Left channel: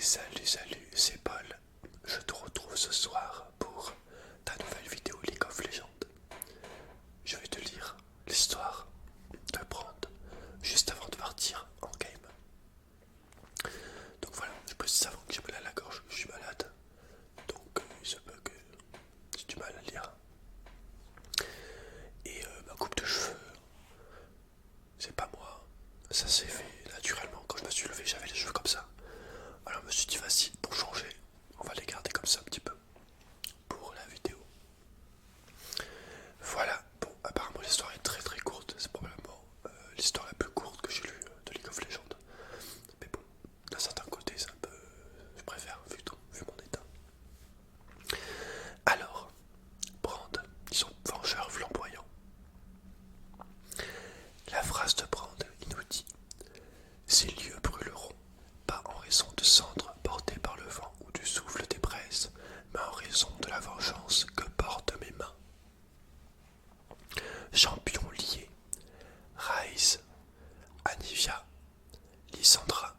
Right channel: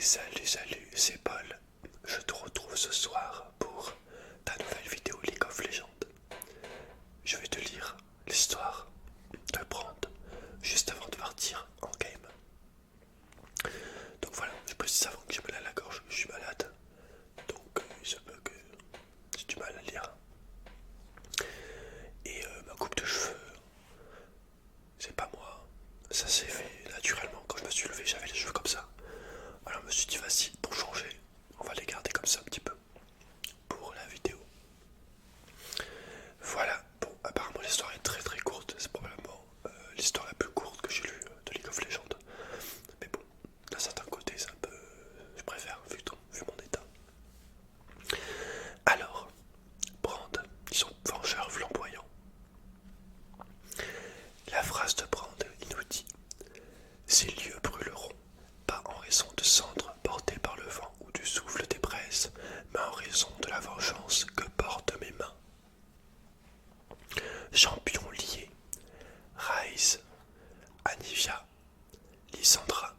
Salut, c'est Paul. Je te retrouve ce soir pour ta nouvelle vidéo League of Legends. Je vais te lire l'histoire de Brand juste avant de partir en game. Donc voilà, je précise avant que j'ai mal à la gorge, je suis malade. Donc il se peut que j'ai du mal à lire. Et ma coupe de cheveux, c'est pas moi. Ça s'est fait naturellement. Quand je me suis levé, j'avais les cheveux comme ça. Alors je me suis dit, vas-y, pour changer, on va les garder comme ça un petit peu pour la vidéo. Voilà, bon, apparemment l'histoire est très très courte. C'est probablement l'histoire la plus courte que j'ai lue de League of Legends. Mais bon, d'un certain côté, c'est un peu. Je préfère, vu mon état. Alors, Brand, son vengeur flamboyant. La phrase de Brand, il nous dit: ces lieux brûleront, pas en raison de cendres portées par le vent ou du souffle des braises, mais en raison de la vengeance que portent mes mains. Champions liés, Ryze, Anivia, Lysandra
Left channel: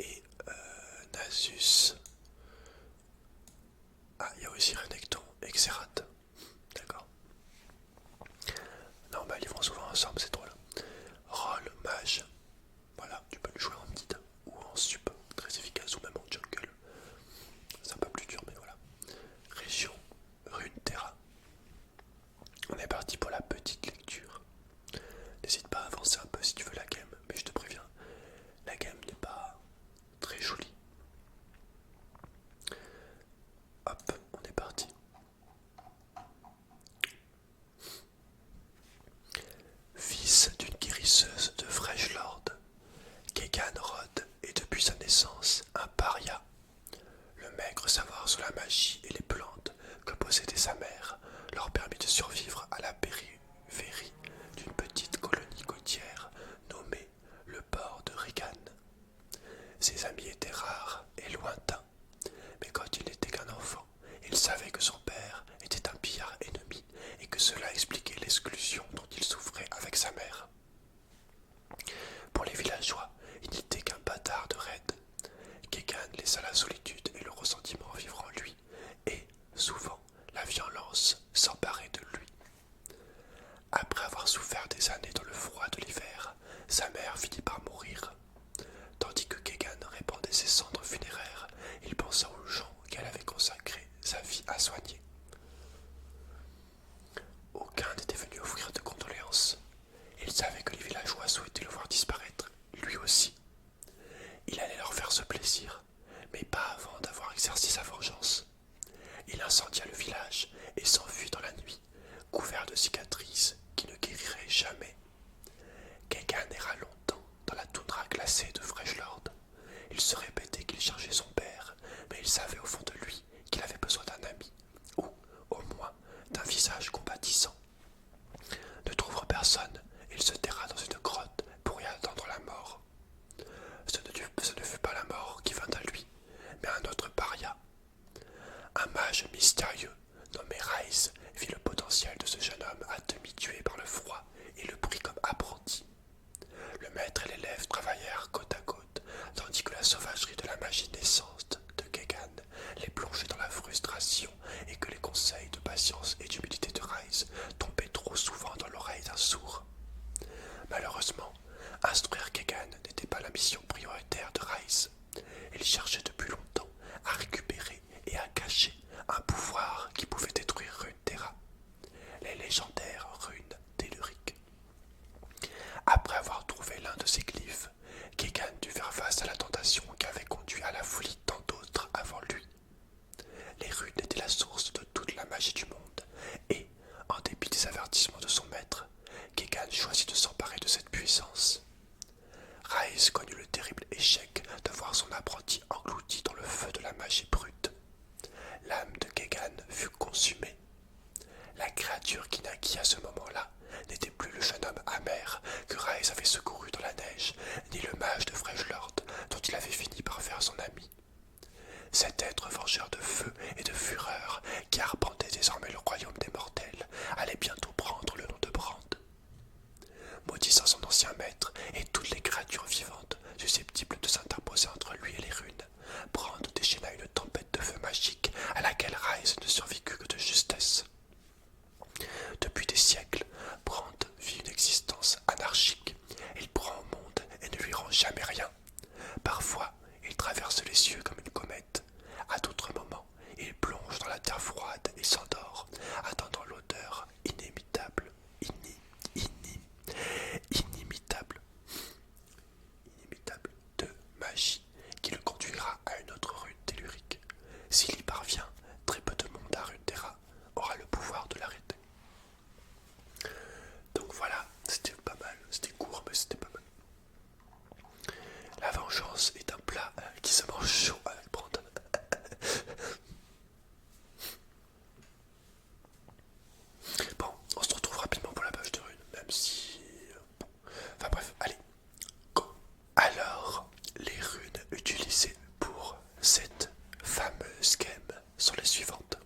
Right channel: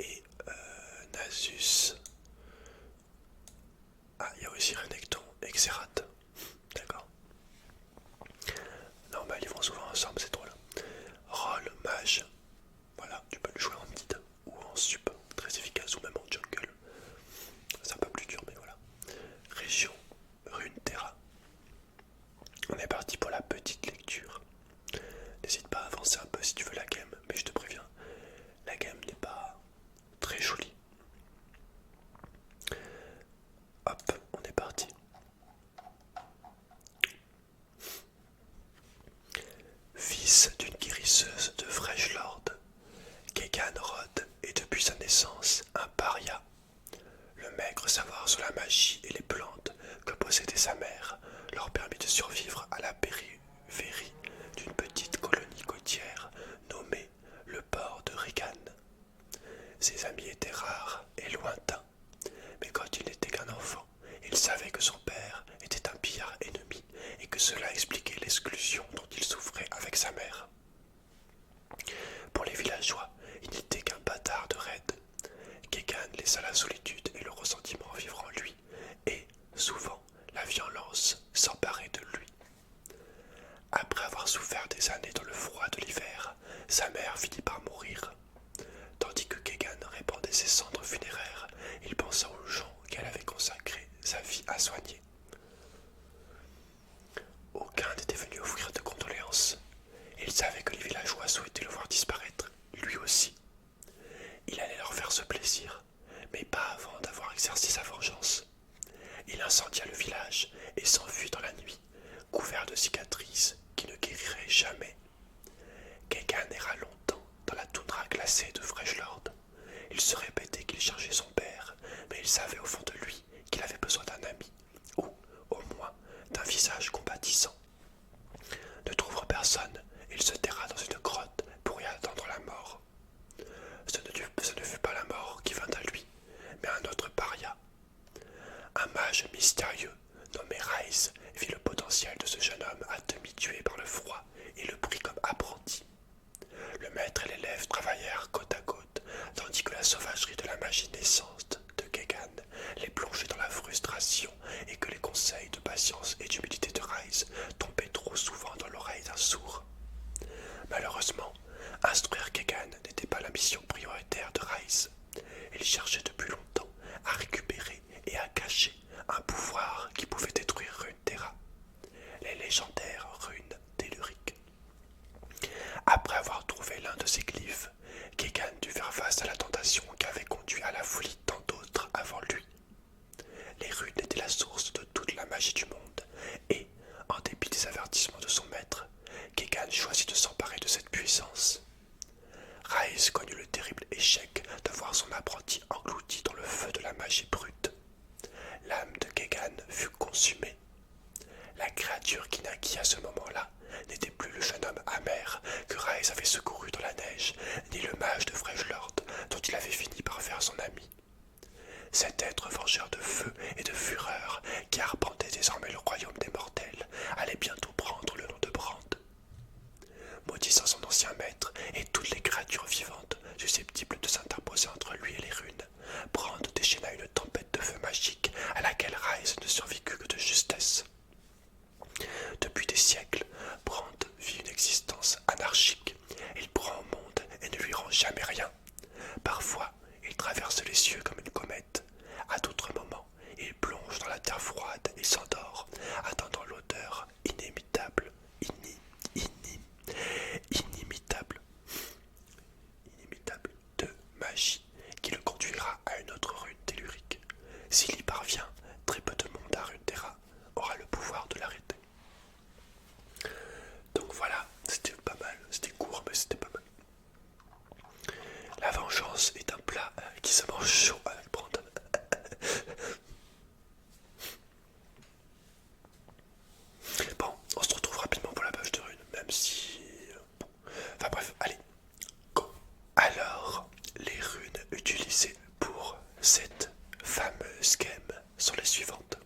et Nasus. Ah, il y a aussi Renekton et Xerath. D'accord. Non, bah ils vont souvent ensemble, c'est drôle. Roll, mage. Voilà, tu peux le jouer en mid ou en sup, très efficace, ou même en jungle. C'est un peu plus dur, mais voilà. Région, Runeterra. On est parti pour la petite lecture. N'hésite pas à avancer un peu si tu veux la game, mais je te préviens, la game n'est pas très jolie. Hop, on est parti. Fils d'une guérisseuse de Freljord, Kegan Rod est depuis sa naissance un paria. Le maigre savoir sur la magie et les plantes que possédait sa mère leur permit de survivre à la périphérie d'une petite colonie côtière nommée le port de Rigan. Ses amis étaient rares et lointains, mais quand il n'était qu'un enfant, il savait que son père était un pillard ennemi et que cela expliquait l'exclusion dont il souffrait avec sa mère. Pour les villageois, il n'était qu'un bâtard de raid. Kegan laissa la solitude et le ressentiment vivre en lui, et, souvent, la violence s'emparait de lui. Après avoir souffert des années dans le froid de l'hiver, sa mère finit par mourir. Tandis que Kegan répandait ses cendres funéraires, il pensa aux gens qu'elle avait consacré sa vie à soigner. Aucun n'était venu offrir de condoléances. Il savait que les villageois souhaitaient le voir disparaître, lui aussi. Il allait leur faire ce plaisir, mais pas avant d'avoir exercé sa vengeance. Il incendia le village et s'enfuit dans la nuit, couvert de cicatrices qui ne guériraient jamais. Kegan erra longtemps dans la toundra glacée de Freljord. Il se répétait qu'il cherchait son père, mais il savait au fond de lui qu'il avait besoin d'un ami, ou, au moins, d'un visage compatissant. Ne trouvant personne, il se terra dans une grotte pour y attendre la mort. Ce ne fut pas la mort qui vint à lui, mais un autre paria. Un mage mystérieux nommé Ryze vit le potentiel de ce jeune homme à demi tué par le froid et le prit comme apprenti. Le maître et l'élève travaillèrent côte à côte, tandis que la sauvagerie de la magie naissante de Kegan les plongeait dans la frustration et que les conseils de patience et d'humilité de Ryze tombaient trop souvent dans l'oreille d'un sourd. Malheureusement, instruire Kegan n'était pas la mission prioritaire de Ryze. Il cherchait depuis longtemps à récupérer et à cacher un pouvoir qui pouvait détruire Runeterra, les légendaires runes telluriques. Après avoir trouvé l'un de ces glyphes, Kegan dut faire face à la tentation qui avait conduit à la folie tant d'autres avant lui. Les runes étaient la source de toute la magie du monde, et, en dépit des avertissements de son maître, Kegan choisit de s'emparer de cette puissance. Ryze connut le terrible échec de voir son apprenti englouti dans le feu de la magie brute. L'âme de Kegan fut consumée. La créature qui naquit à ce moment-là n'était plus le jeune homme amer que Ryze avait secouru dans la neige, ni le mage de Freljord dont il avait fini par faire son ami. Cet être vengeur de feu et de fureur qui arpentait désormais le royaume des mortels allait bientôt prendre le nom de Brand. Maudissant son ancien maître et toutes les créatures vivantes susceptibles de s'interposer entre lui et les runes, cette fameuse game sont les suivantes.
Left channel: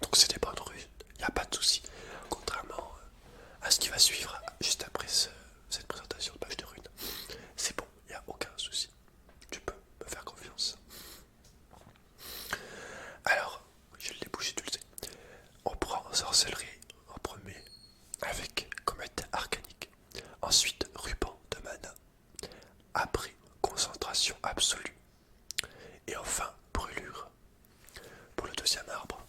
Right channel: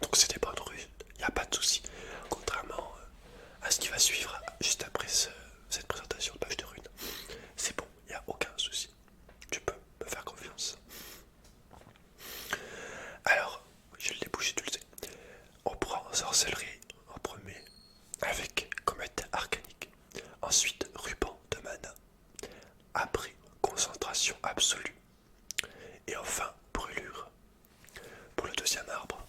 Donc c'est des bonnes rues, il n'y a pas de souci. Contrairement à ce qui va suivre juste après cette présentation de page de runes. C'est bon, il n'y a aucun souci. Tu peux me faire confiance. Alors, je l'ai bougé, tu le sais. On prend sorcellerie en premier avec comète arcanique. Ensuite, ruban de mana. Après, concentration absolue. Et enfin, brûlure. Pour le deuxième arbre,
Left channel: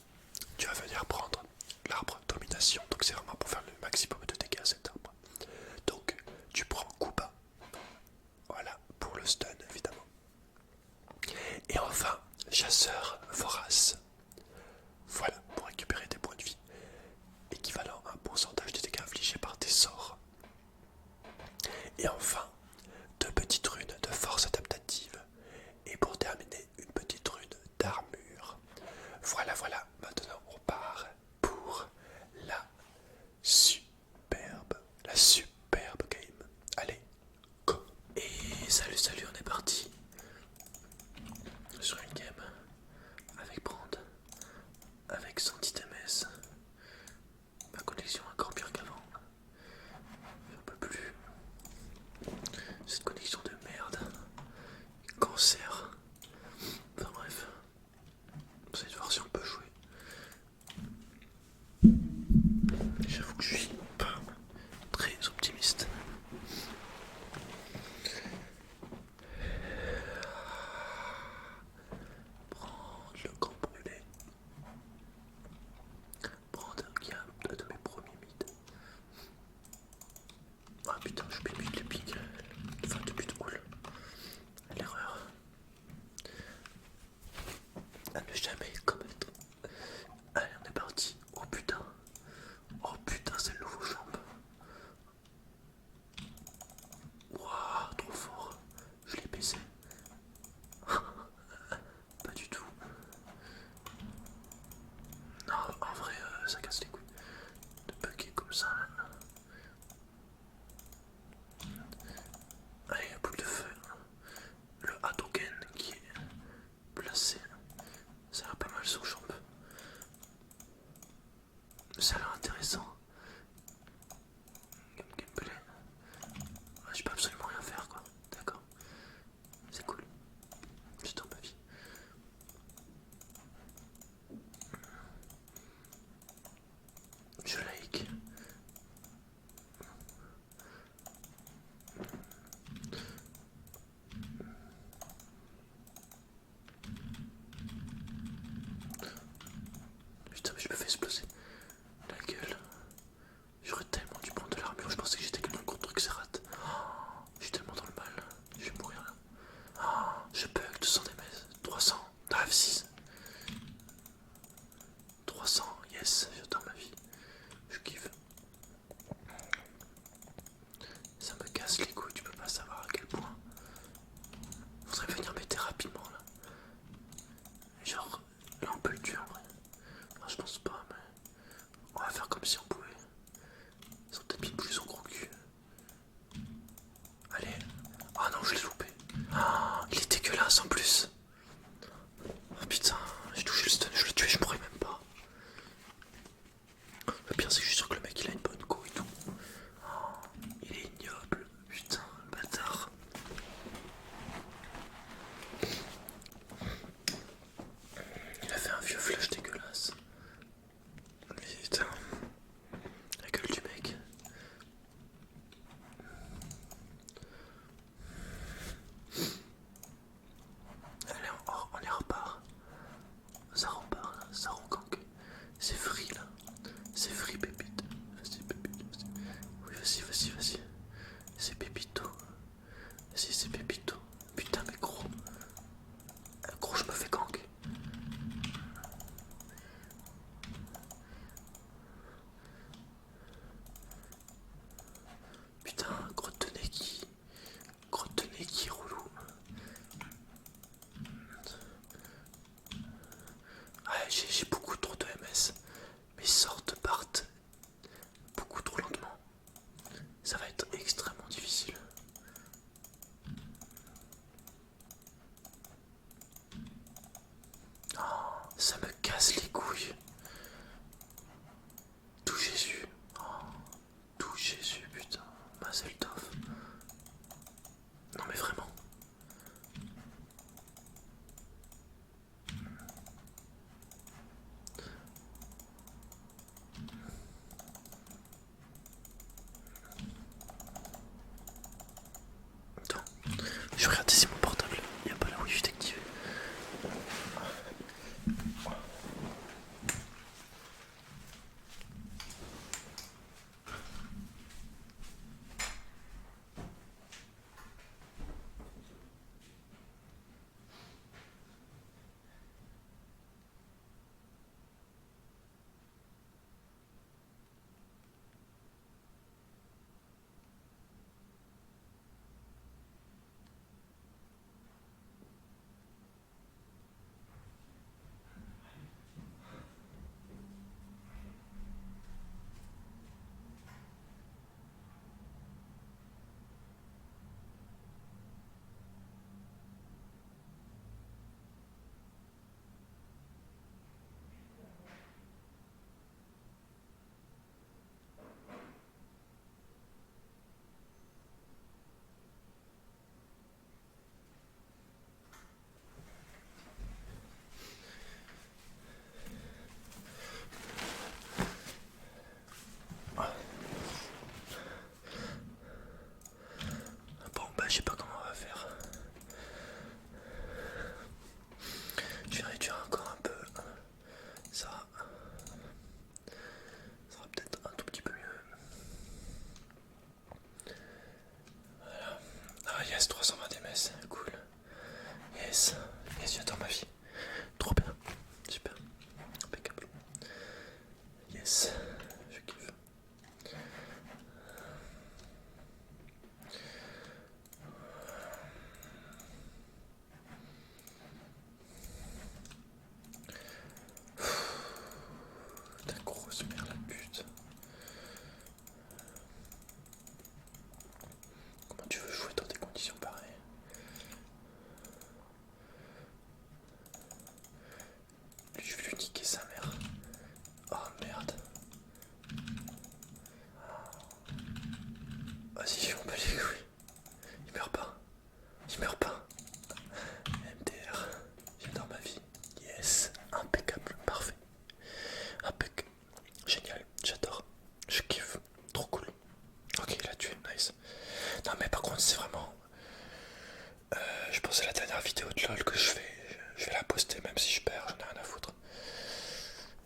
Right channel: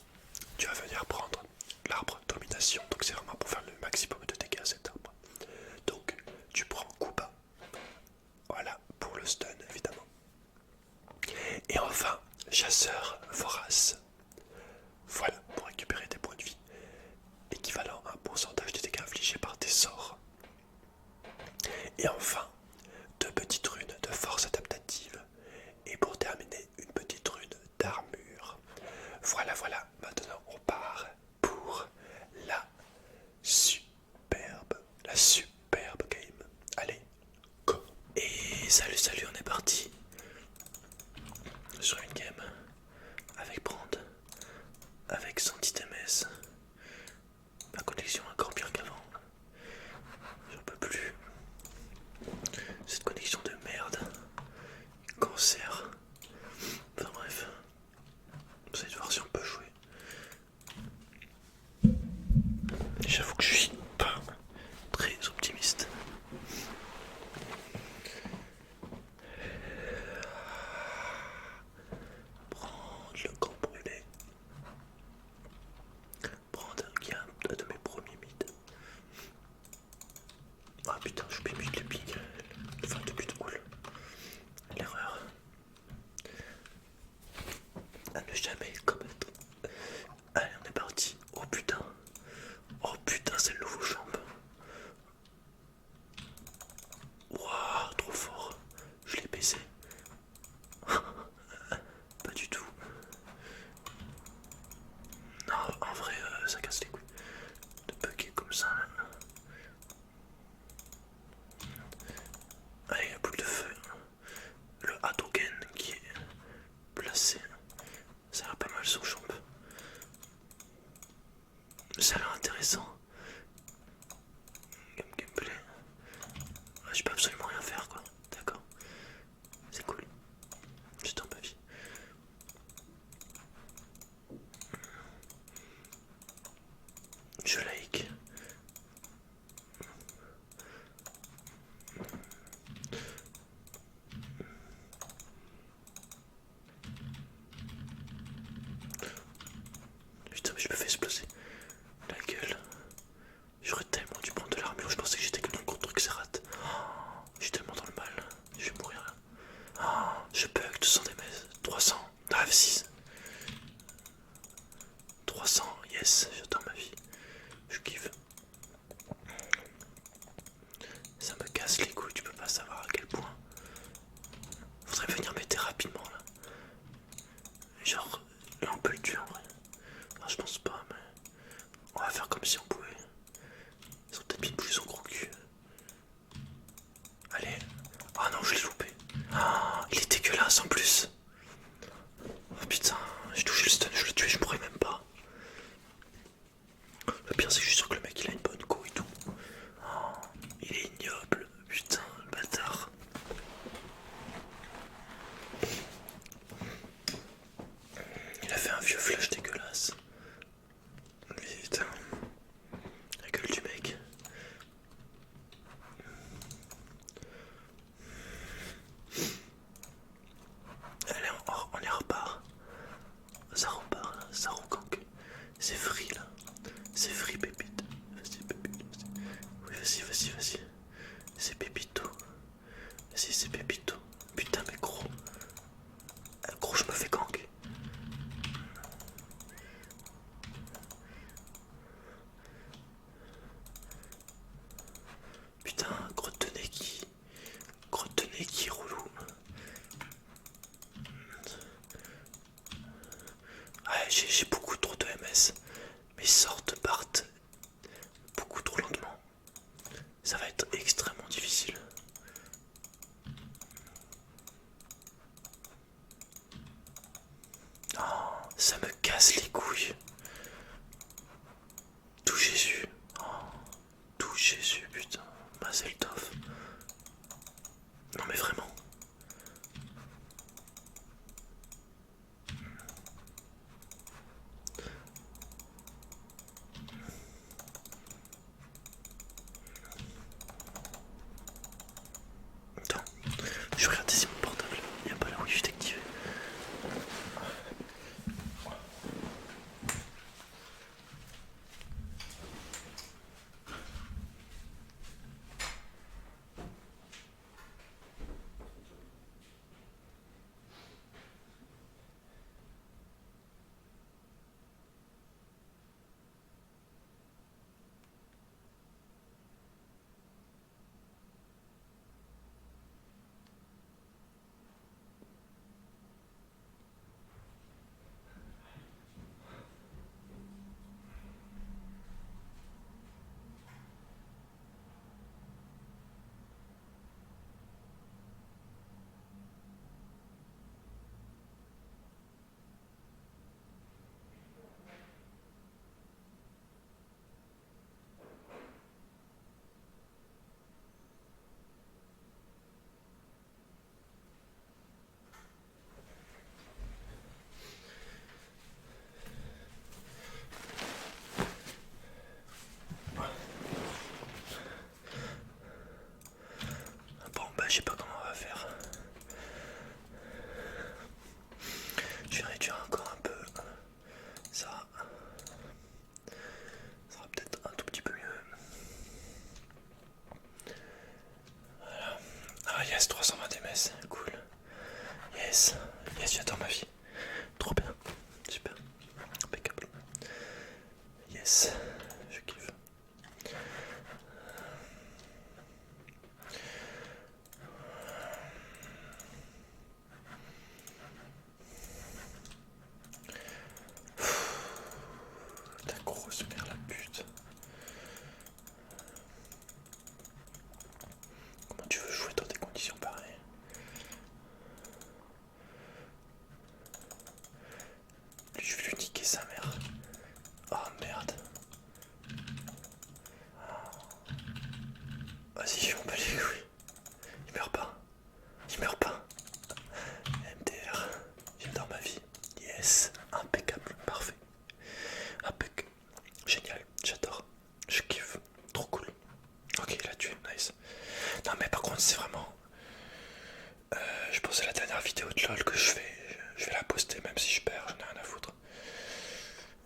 tu vas venir prendre l'arbre domination. Donc c'est vraiment pour faire le maximum de dégâts à cet arbre. Donc, tu prends coup bas. Voilà, pour le stun évidemment. Et enfin, chasseur vorace. Voilà, pour récupérer des points de vie, équivalent à un pourcentage des dégâts infligés par tes sorts. Et enfin, 2 petites runes de force adaptative. Et pour terminer, une petite rune d'armure. Voilà, maintenant on part pour la superbe game. Allez, go. Et salut, on est parti sur une game avec Brand, avec son petit MS. Ma connexion est encore pire qu'avant. J'en peux plus. Cette connexion de merde. Cancer. Enfin bref. Vous allez voir si on peut jouer. J'avoue que je suis pas très optimiste. Prendre le camp brûlé. Prendre qui est un de mes premiers mythes. Ah putain, je peux mute les pics. Enfin, de but roule. L'erreur. À ne jamais commettre. Allez, on est parti. Oh putain, c'est le nouveau champ. Wouah, trop fort. Je l'ai baissé. Pas du tout. Non, en vrai, ça casse les couilles de bugger comme ça. Allez, la boule de feu. Le Hadoken qui est placé. Ça a l'air pas mal son champ. Ça a l'air intéressant. Comme gameplay. Ouais, je peux absolument rien faire quoi. D'accord. C'est cool. Juste dans ma vie. Je like. Putain, mais je me fais exploser la gueule. J'aurais tellement dû prendre de l'armure. Je pensais que j'étais que dans le contre truc Xerath. Je suis tellement dans le mal. Je vais mourir là. Je bug 200 ms. 300. Ah, 6. 300. Yes, j'adore ma vie. Je kiffe. Ça me casse les couilles. Tu peux pas savoir à quel point. Faudrait venir m'aider rapidement là. Genre, là on peut le tuer en vrai. Enfin, je pense pas, mais on va faire comme si on pouvait. Ils ont peut-être mis plus son gros cul. Allez. Ah non, je l'ai loupé. Il est dégueulasse en plus. Oh putain, j'ai touché le stun, je le tuais, je mourrais même pas. Le pire c'est que je suis sûr que le mec il a une bonne go et tout. Il est ignoble, putain, le bâtard. Il a fait un vieux flash dégueulasse. Putain, la gueule du mec. Allez, on y repart. Ça repart, ça regangue. C'est free là. C'est free pépite. Vas-y pépite. Oui, vas-y. C'est pépito. Vas-y, c'est pépito. Putain, mais gros. Gros, je me fais gang. Putain, grotte de nez qui est relou. Ouais, j'ai beaucoup trop de MS. Mes sortes partent beaucoup trop lentement. Ça va être extrêmement difficile. Ça me casse les couilles. Tout Jésus. Oh, tout Jésus, putain. Mazel tov. Non mais vraiment. Attends, je regarde ici mon portable. Il n'y a pas la wifi activée. Bon bah je sais pas comment on va faire. Je vais réduire encore un peu. Ça sera peut-être un tout petit peu mieux. Voilà. Ah yes, 320 ms, cool. Yes, yes, j'adore ma vie. Trop bien, super, impeccable. Yes, je kiffe. Ta grosse mère la pute. Comment tu veux jouer dans des conditions pareilles? Je vais lui niquer sa mère. Oh merde. Vas-y, on peut les jouer. Il meurt pas. Il meurt pas. MDR. J'adore ma vie. Yes. Impeccable. Parfait. Impeccable. Génial. J'adore. Je kiffe. Trop cool. Ok, il a tué. Nice. Non mais par contre c'est vraiment... je pense à la dernière vidéo de LOL que je fais. Je vais la poster même si je perds. J'en ai rien à foutre.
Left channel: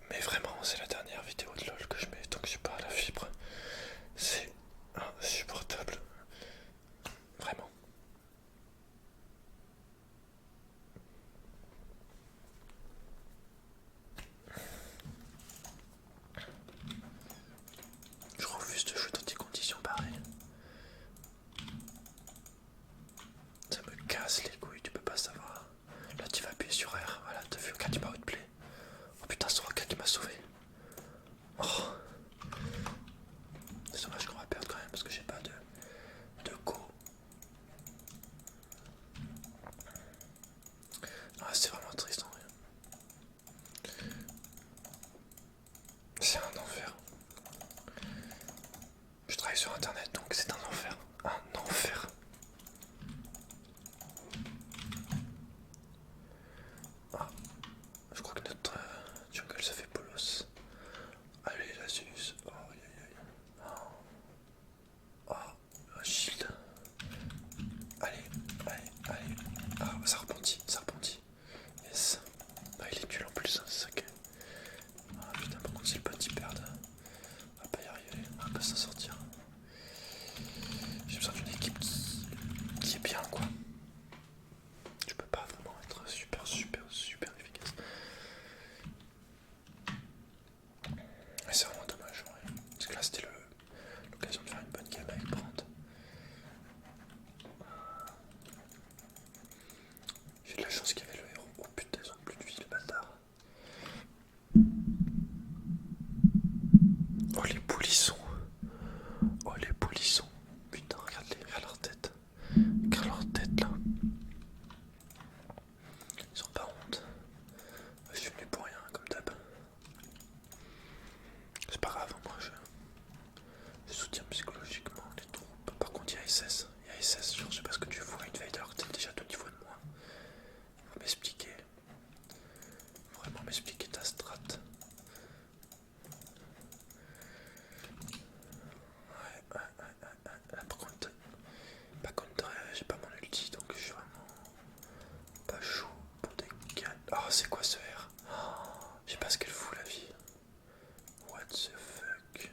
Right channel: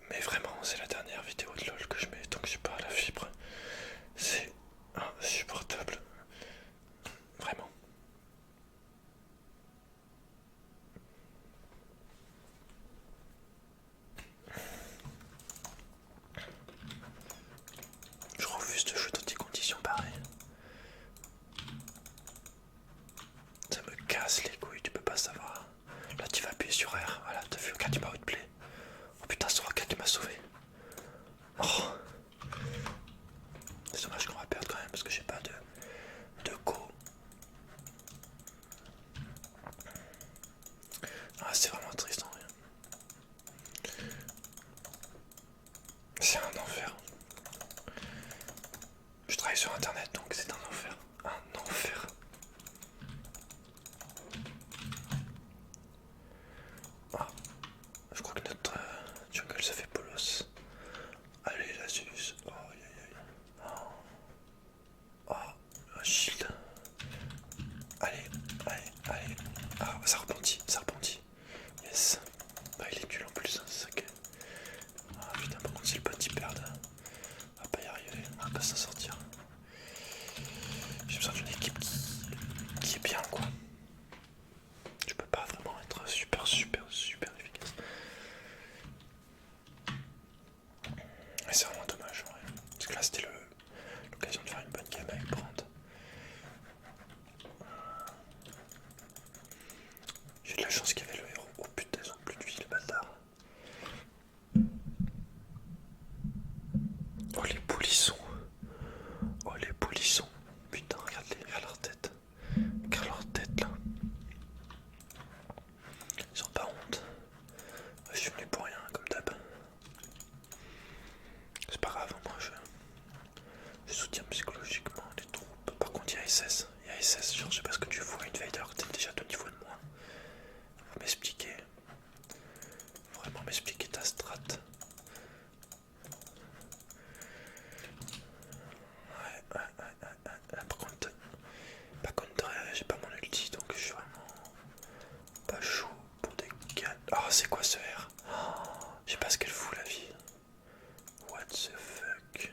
Mais vraiment c'est la dernière vidéo de LOL que je mets. Donc j'ai pas la fibre. C'est insupportable. Vraiment. Je refuse de jouer dans des conditions pareilles. Ça me casse les couilles, tu peux pas savoir. Là tu vas appuyer sur R, voilà, t'as vu, regarde, il m'a outplay. Oh putain, c'est Rocket qui m'a sauvé. Oh. C'est dommage qu'on va perdre quand même parce que j'ai pas de go. Ah, c'est vraiment triste en vrai. C'est un enfer. Je travaille sur internet donc c'est un enfer. Un enfer. Ah, je crois que notre jungle ça fait bolos. Allez, la Sus. Oh, aïe aïe aïe. Oh, un shield. Allez, allez, allez. Ah, ça rebondit, ça rebondit. Yes. Bah, il est nul en plus, hein, c'est ça que. Ah putain, par contre, si le pote il perd, on va pas y arriver, on va pas s'en sortir. J'ai besoin d'une équipe qui est bien, quoi. Je peux pas vraiment être super, super, super efficace. m'expliquer. Vraiment m'expliquer ta strat. Là, par contre, j'ai pas mon ulti donc je suis vraiment pas chaud pour des cannes. Oh, c'est quoi ce R? Je sais pas ce qu'elle fout la vie. What the fuck?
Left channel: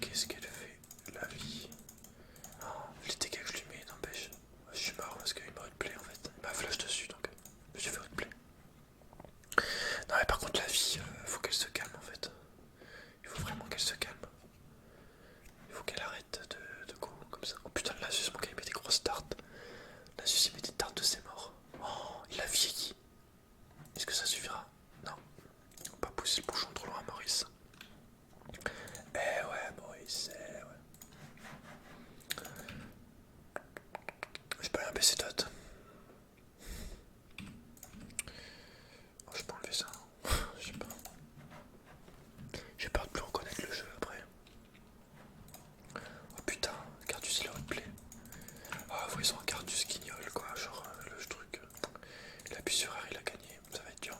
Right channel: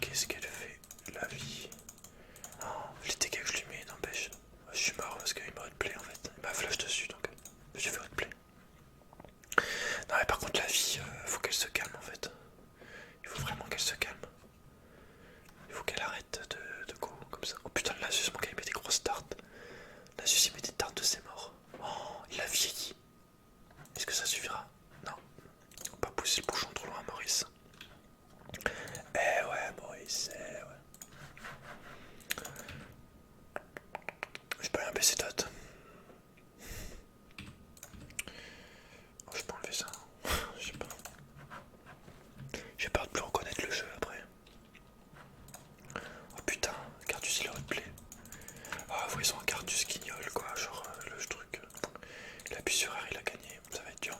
Qu'est-ce qu'elle fait la vie? Les dégâts que je lui mets, n'empêche. Je suis mort parce qu'il m'a replay en fait. Il m'a flash dessus donc j'ai fait replay. Non mais par contre la vie, faut qu'elle se calme en fait. Il faut vraiment qu'elle se calme. Il faut qu'elle arrête de go comme ça. Oh putain, Nasus, mon gars, il met des grosses tartes. Nasus, il met des tartes de ses morts. Oh, il a vieilli. Est-ce que ça suffira? Non. On va pas pousser le bouchon trop loin, Maurice. Eh ouais, Maurice, eh ouais. J'ai pas rien baissé date. Oh, je peux enlever ça. Je sais pas. J'ai peur de plus reconnaître le jeu après. Oh putain, Cartus il est replay. Ah, vous ils ont un Cartus guignol quoi, genre le truc. Il appuie sur R, il a gagné, ça va être dur.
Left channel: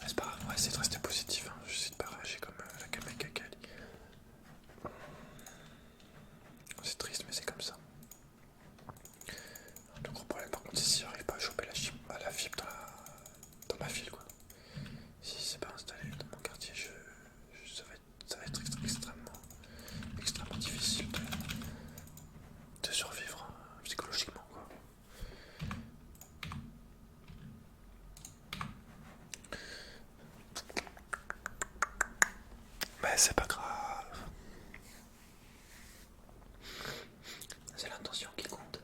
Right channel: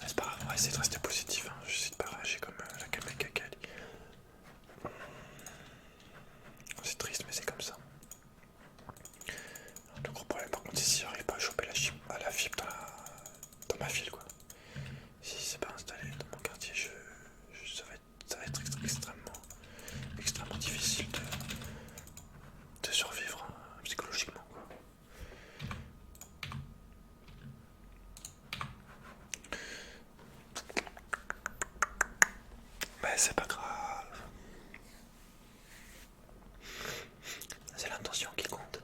Mais c'est pas grave, on va essayer de rester positif. Hein. J'essaie de pas rager comme la Kameka Kali. C'est triste, mais c'est comme ça. Le gros problème par contre, c'est si j'arrive pas à choper la fibre dans ma file quoi. Si c'est pas installé dans mon quartier, ça va être extrêmement difficile de survivre psychologiquement quoi. Mais c'est pas grave. C'est l'intention qui compte.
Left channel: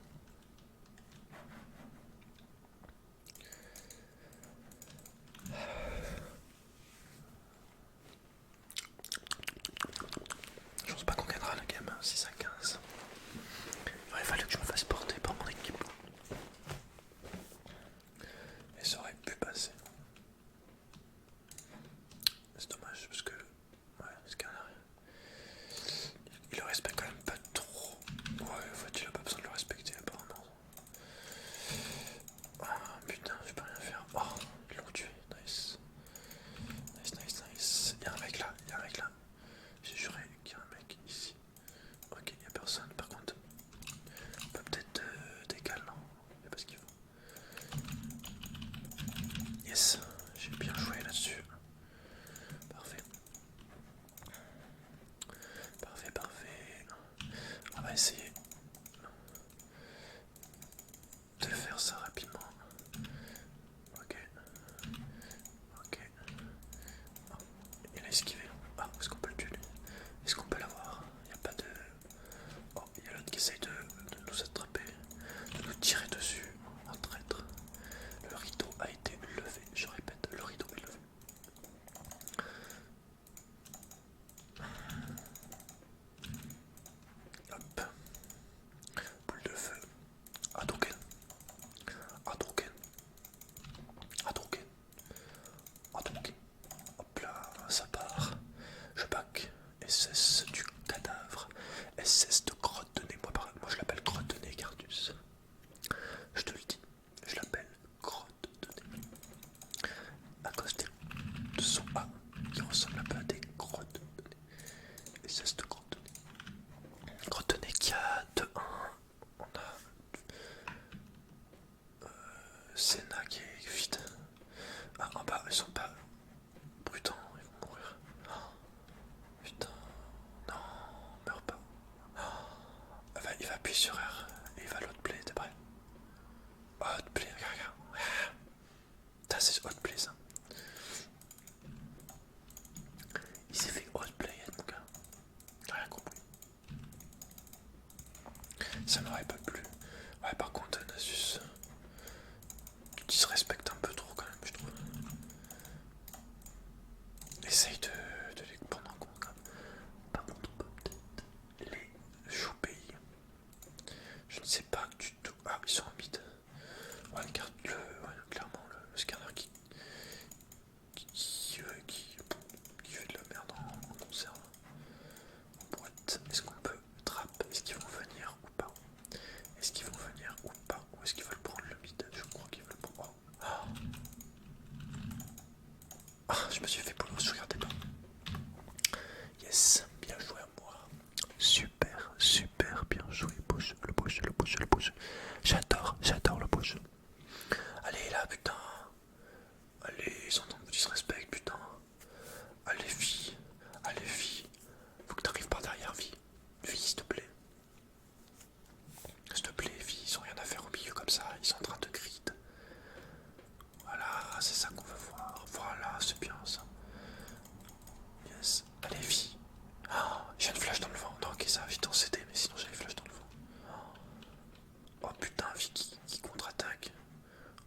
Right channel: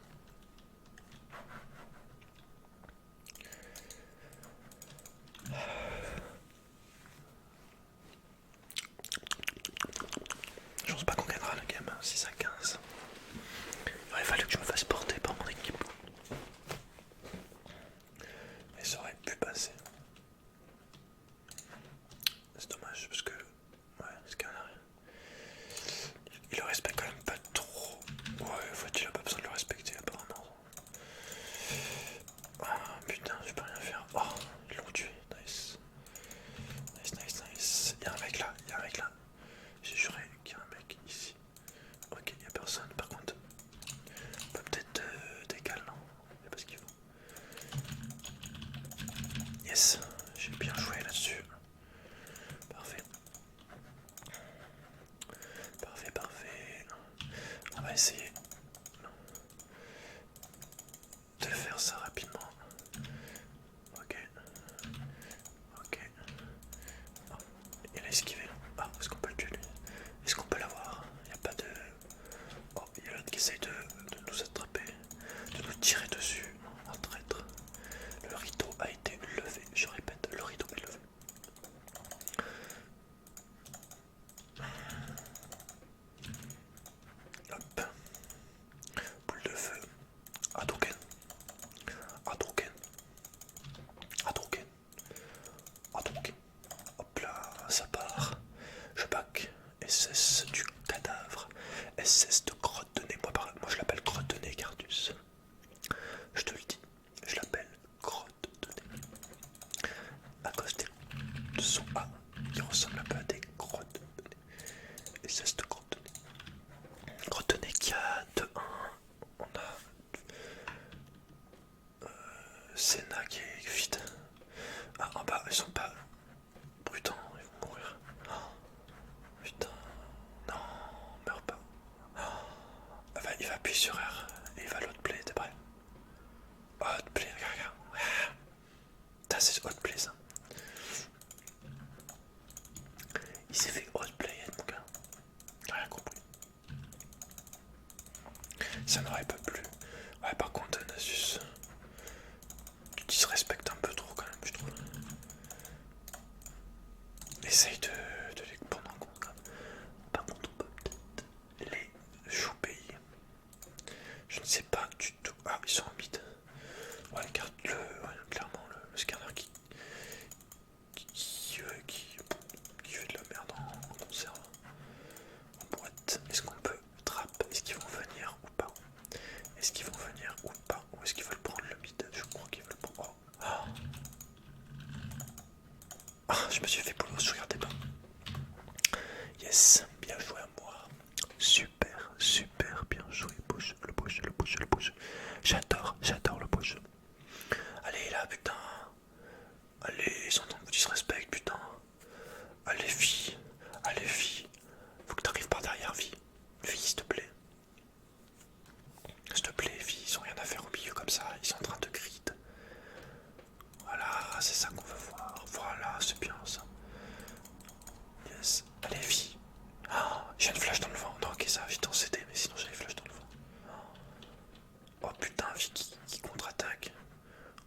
Je pense pas qu'on gagnera la game 6-15. Il aurait fallu que je me fasse porter par mon équipe. Et ça aurait pu passer. C'est dommage parce que... Ouais, c'est qu'un arrêt. Il le respecte quand même pas trop. Ouais, en fait, il a pas besoin de le respecter apparemment. Ah putain, je peux rien faire. Oh, ils l'ont tué, nice. Nice. Il y a un mec là, J'ai juré qu'il y a un mec ici. Ok, il y a personne. Par contre, on peut peut-être décaler, non? C'est pas ce qu'il faut. Yes, j'ai bien joué là-dessus. Parfait. On va essayer de faire ça rapidement. Ok. Oh, il a esquivé. Ah, est-ce qu'on peut le tuer lui? Est-ce qu'on peut l'avoir? Il n'y a pas de... Oh, il y a l'autre qui essaye de nous attraper, de nous tirer dessus. Un traître. Le rideau a été levé. Je répète, le rideau est levé. Hop. Boule de feu. Hadouken. Hop là, ça part. Je back. SS du cadavre. SS de crotte de nez. Moi je l'appelle crotte de nez, Cartus. Je te le dis. Je l'appelle crotte de nez. À cause de son A qui ressemble un peu à des crottes de nez. SS de crotte de nez. Crotte de nez qui a de 1. On a Senna qui est vide. Ah, en bas, ils sont pas brutants, ils vont mourir. Oh, putain, non, meurs pas. Oh, il va appuyer sur R et il va l'outplay, t'es prêt? Outplay, regarde. Putain, c'est outplay ça. Il s'est fait outplay, mon gars. J'ai rien compris. Ça m'aurait pas plu. Ouais, par contre, Nasus, tu se respectes un peu trop quand même, je trouve. j'ai fait bolos, regardez pas. Yes, bien joué à moi. Super, super bien joué, push, le push, le push, le push. J'adore le push. Allez là, putain. Allez, ils sont en vous disrespect, putain. Allez, vie. Allez, vie. Faut que t'arrives par derrière, vie. Vie, s'il te plaît. S'il te plaît, vie, ils ont rien à faire au milieu comme ça. Ils sont en train de grid. Voilà, c'est ça qu'on veut voir. Voilà, c'est bien ça. Yes. Allez, vie. Ah, j'ai une flash dans le vent. Non, ok, ça va vite en CD, mais sinon j'ai les flashs dans le vent. Oh putain, vie qui contre-attaque.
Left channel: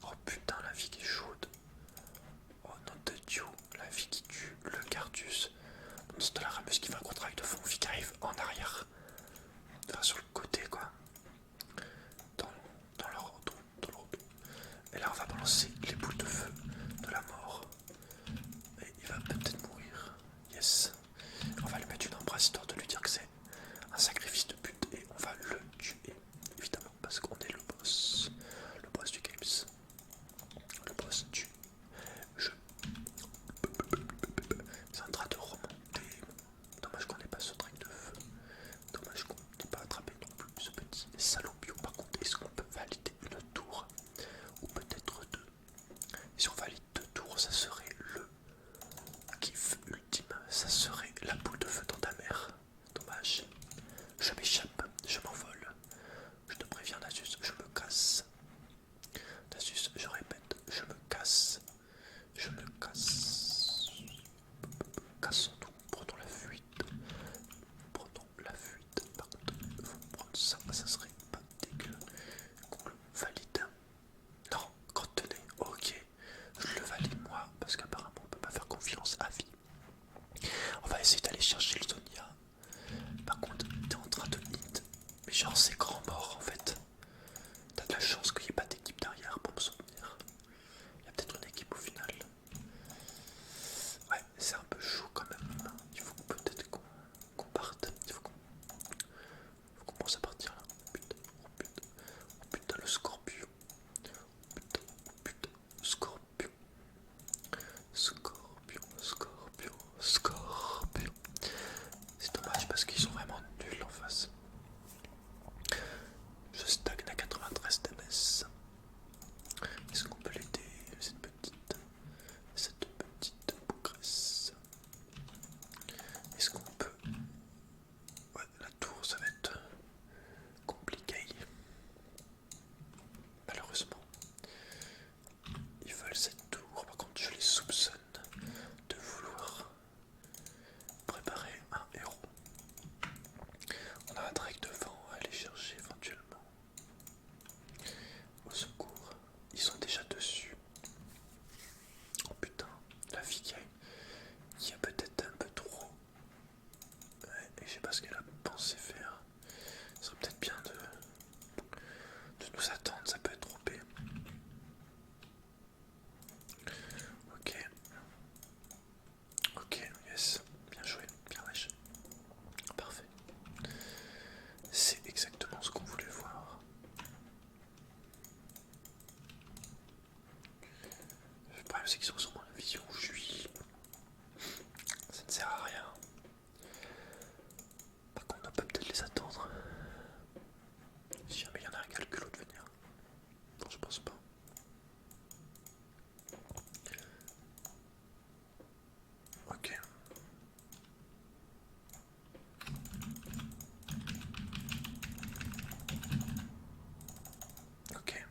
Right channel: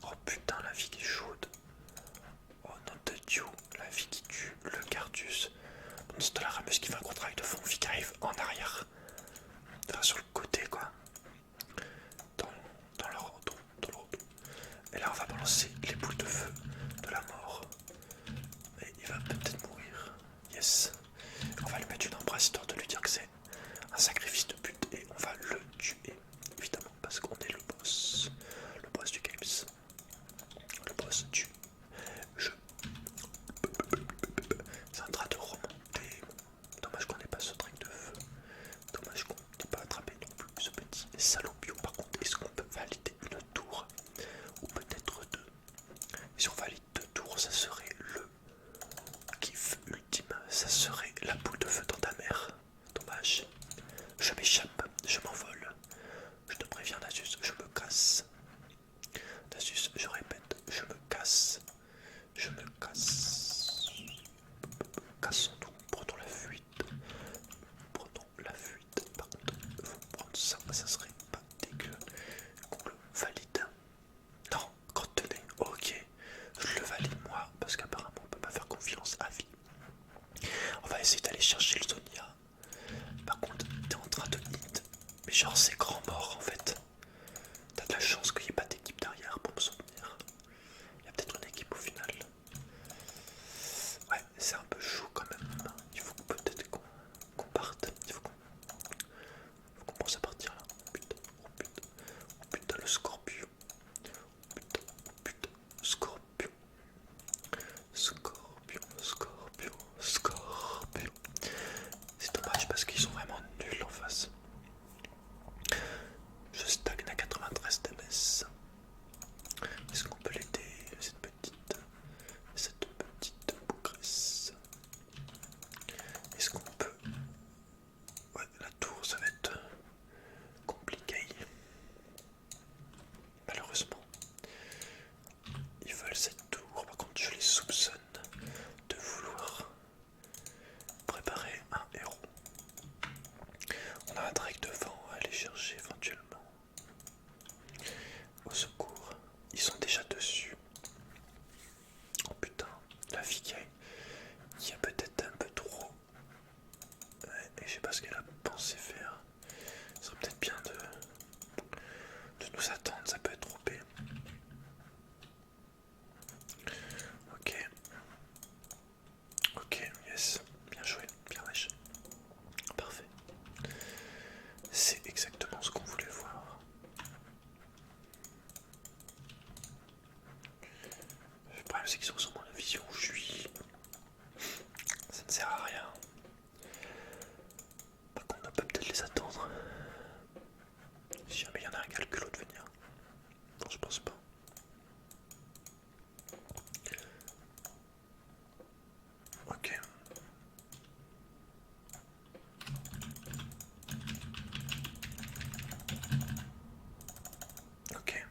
Oh putain, la vie qui est chaude. Oh non de Dieu, la vie qui tue le Cardus. C'est de la rameuse qui fait un contre-attaque de fond, vie qui arrive en arrière. Enfin, sur le côté quoi. Dans leur dos, dans leur dos. Et là on va balancer les boules de feu de la mort. Et il va peut-être mourir. Yes. On va lui mettre une embrasse histoire de lui dire que c'est un sacrifice de pute et on va le tuer. Évidemment parce qu'on est le boss. Le boss du games. Le boss du jeu. C'est en train de remonter. Dommage qu'on n'ait pas ce truc de feu. Dommage qu'on n'ait pas attrapé non plus ce petit salopio. Par contre, est-ce qu'on peut valider une tour? Ou peut-être deux? Si on valide 2 tours, ça serait le kiff ultime. Ça serait la boule de feu dans ta mer. Dommage. Je m'échappe, je m'envole. Je te préviens, Nasus, je me casse. Nasus, je répète, je me casse. Je me casse. Cassons-nous, prenons la fuite. Prenons la fuite. Par contre, faut prendre ça, ça serait pas dégueu qu'on le valide. Non, contenez, ok. Je le valide moi, parce qu'apparemment on peut pas faire confiance à vie. On va essayer d'aller chercher le Sonia. Par contre, t'es en train de hit. Mais genre c'est grand mort en fait. T'as de la chance qu'il n'y ait pas d'équipe derrière pour me soutenir. Il y a peut-être une équipe au final. Ouais, c'est un peu chaud quand même. Il faut peut-être qu'on parte. Il faut qu'on pense à partir là. Oh putain, oh putain, oh putain le scorpion. Oh putain, oh putain, scorpion. Scorpion, scorpion, scorpion. C'est dommage parce qu'ils sont vraiment nuls en face. Je stagne à 93 ms. Est-ce qu'on peut l'aider, cette petite bougresse? Est-ce qu'on peut... Ouais, la tour, ça va être compliqué. Malheureusement. Ils veulent cette tour, par contre je les soupçonne de vouloir préparer un héros. On a un drake devant à aller chercher éventuellement. Au secours, ils sont déjà dessus. Oh putain, la fille qui a peut-être un peu trop. Ouais, et je sais pas ce qu'elle a pensé faire. Ce serait peut-être bien de nous attendre, ça peut être OP. Ok. Ok, yes. Bien joué, bien wesh. Parfait. C'est exactement ce qu'on voulait voir. Le problème c'est qu'ils ont sûrement la vision où je suis. Ça ne sert à rien. Par contre on peut peut-être les attendre. Si jamais il y en a un calcul de venir. Non, je pense pas. Ok. Ok.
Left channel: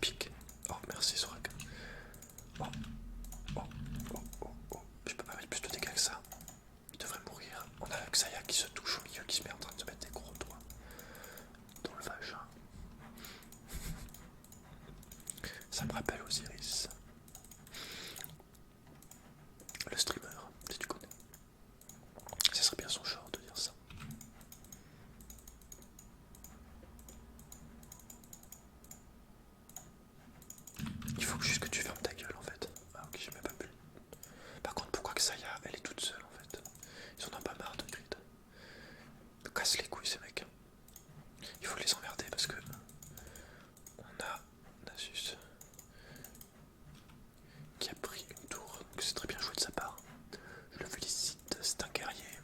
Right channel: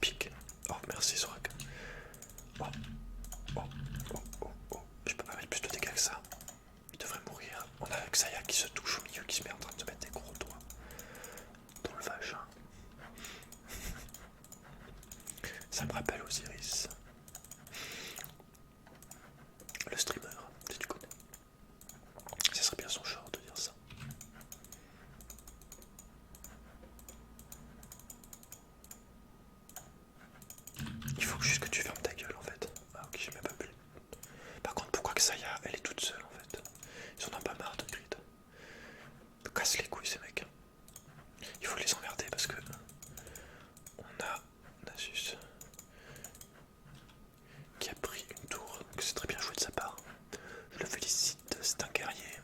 pique. Oh, merci Zorak. Oh, oh, oh, oh, oh. Je peux pas mettre plus de dégâts que ça. Il devrait mourir. On a Xayah qui se touche au milieu, qui se met en train de se mettre des gros doigts dans le vagin. Ça me rappelle Osiris. Le streamer, si tu connais. Ce serait bien son genre de dire ça. Il faut juste que tu fermes ta gueule en fait. Ah ok, j'ai même pas pu. Par contre, pourquoi Xayah, elle est toute seule en fait? Ils en ont pas marre de grid. Casse les couilles ces mecs. Il faut les emmerder parce que on a Nasus qui a pris une tour, donc c'est très bien joué de sa part. Je le félicite, c'est un guerrier.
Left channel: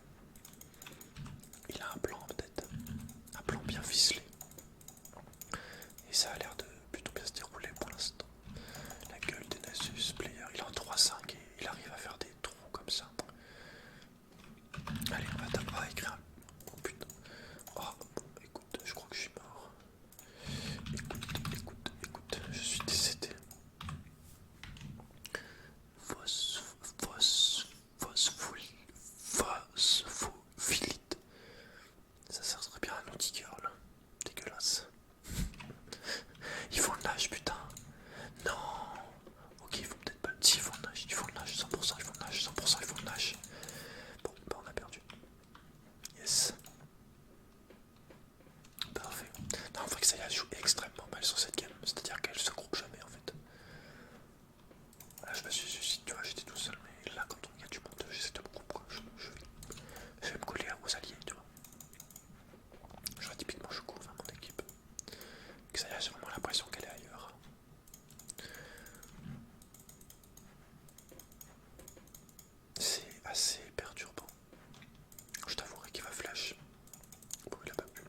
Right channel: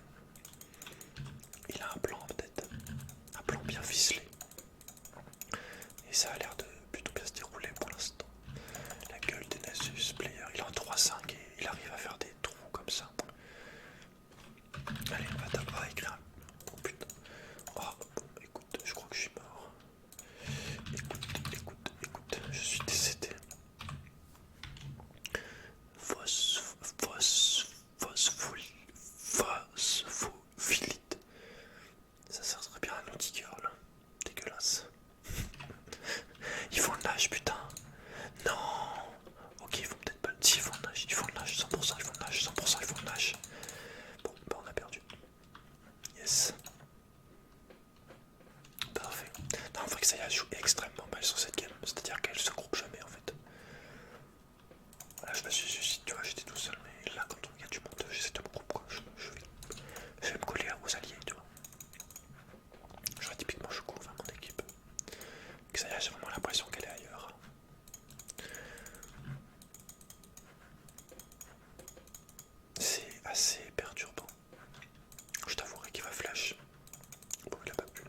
Il a un plan en tête, un plan bien ficelé. Et ça a l'air de plutôt bien se dérouler pour l'instant. La gueule des Nasus player, il est en 3-5 et il arrive à faire des trous comme ça. Allez, on va d'abord écrire un... Oh putain. Oh, bon, écoute, je crois que je suis mort. Écoute, je suis décédé. Phosphophilie. Ça serait bien un outil girl. Dégueulasse. Ils font le nage, putain. Non. Ok, ils font peut-être pas. Si, ils font le nage. Ils font le nage. 100%, ils font le nage. 100%, ils font le nage. Bon, bah on a perdu. Yes. Parfait. Non, on voit que ça joue extrêmement mal sur cette game. C'est-à-dire qu'elle se groupe jamais en fait. Là, je me suis suicidé, tu vois, j'étais tout seul. Mais là, quand il y a du monde, j'essaie de me grouper quoi. Je vais me coller aux alliés, tu vois. Genre, typiquement, je couvre mon équipe. Xayah, j'ai vraiment l'impression qu'elle est ailleurs. C'est assez perturbant. Je t'avouerai qu'il va flash. Bon, il a pas pu.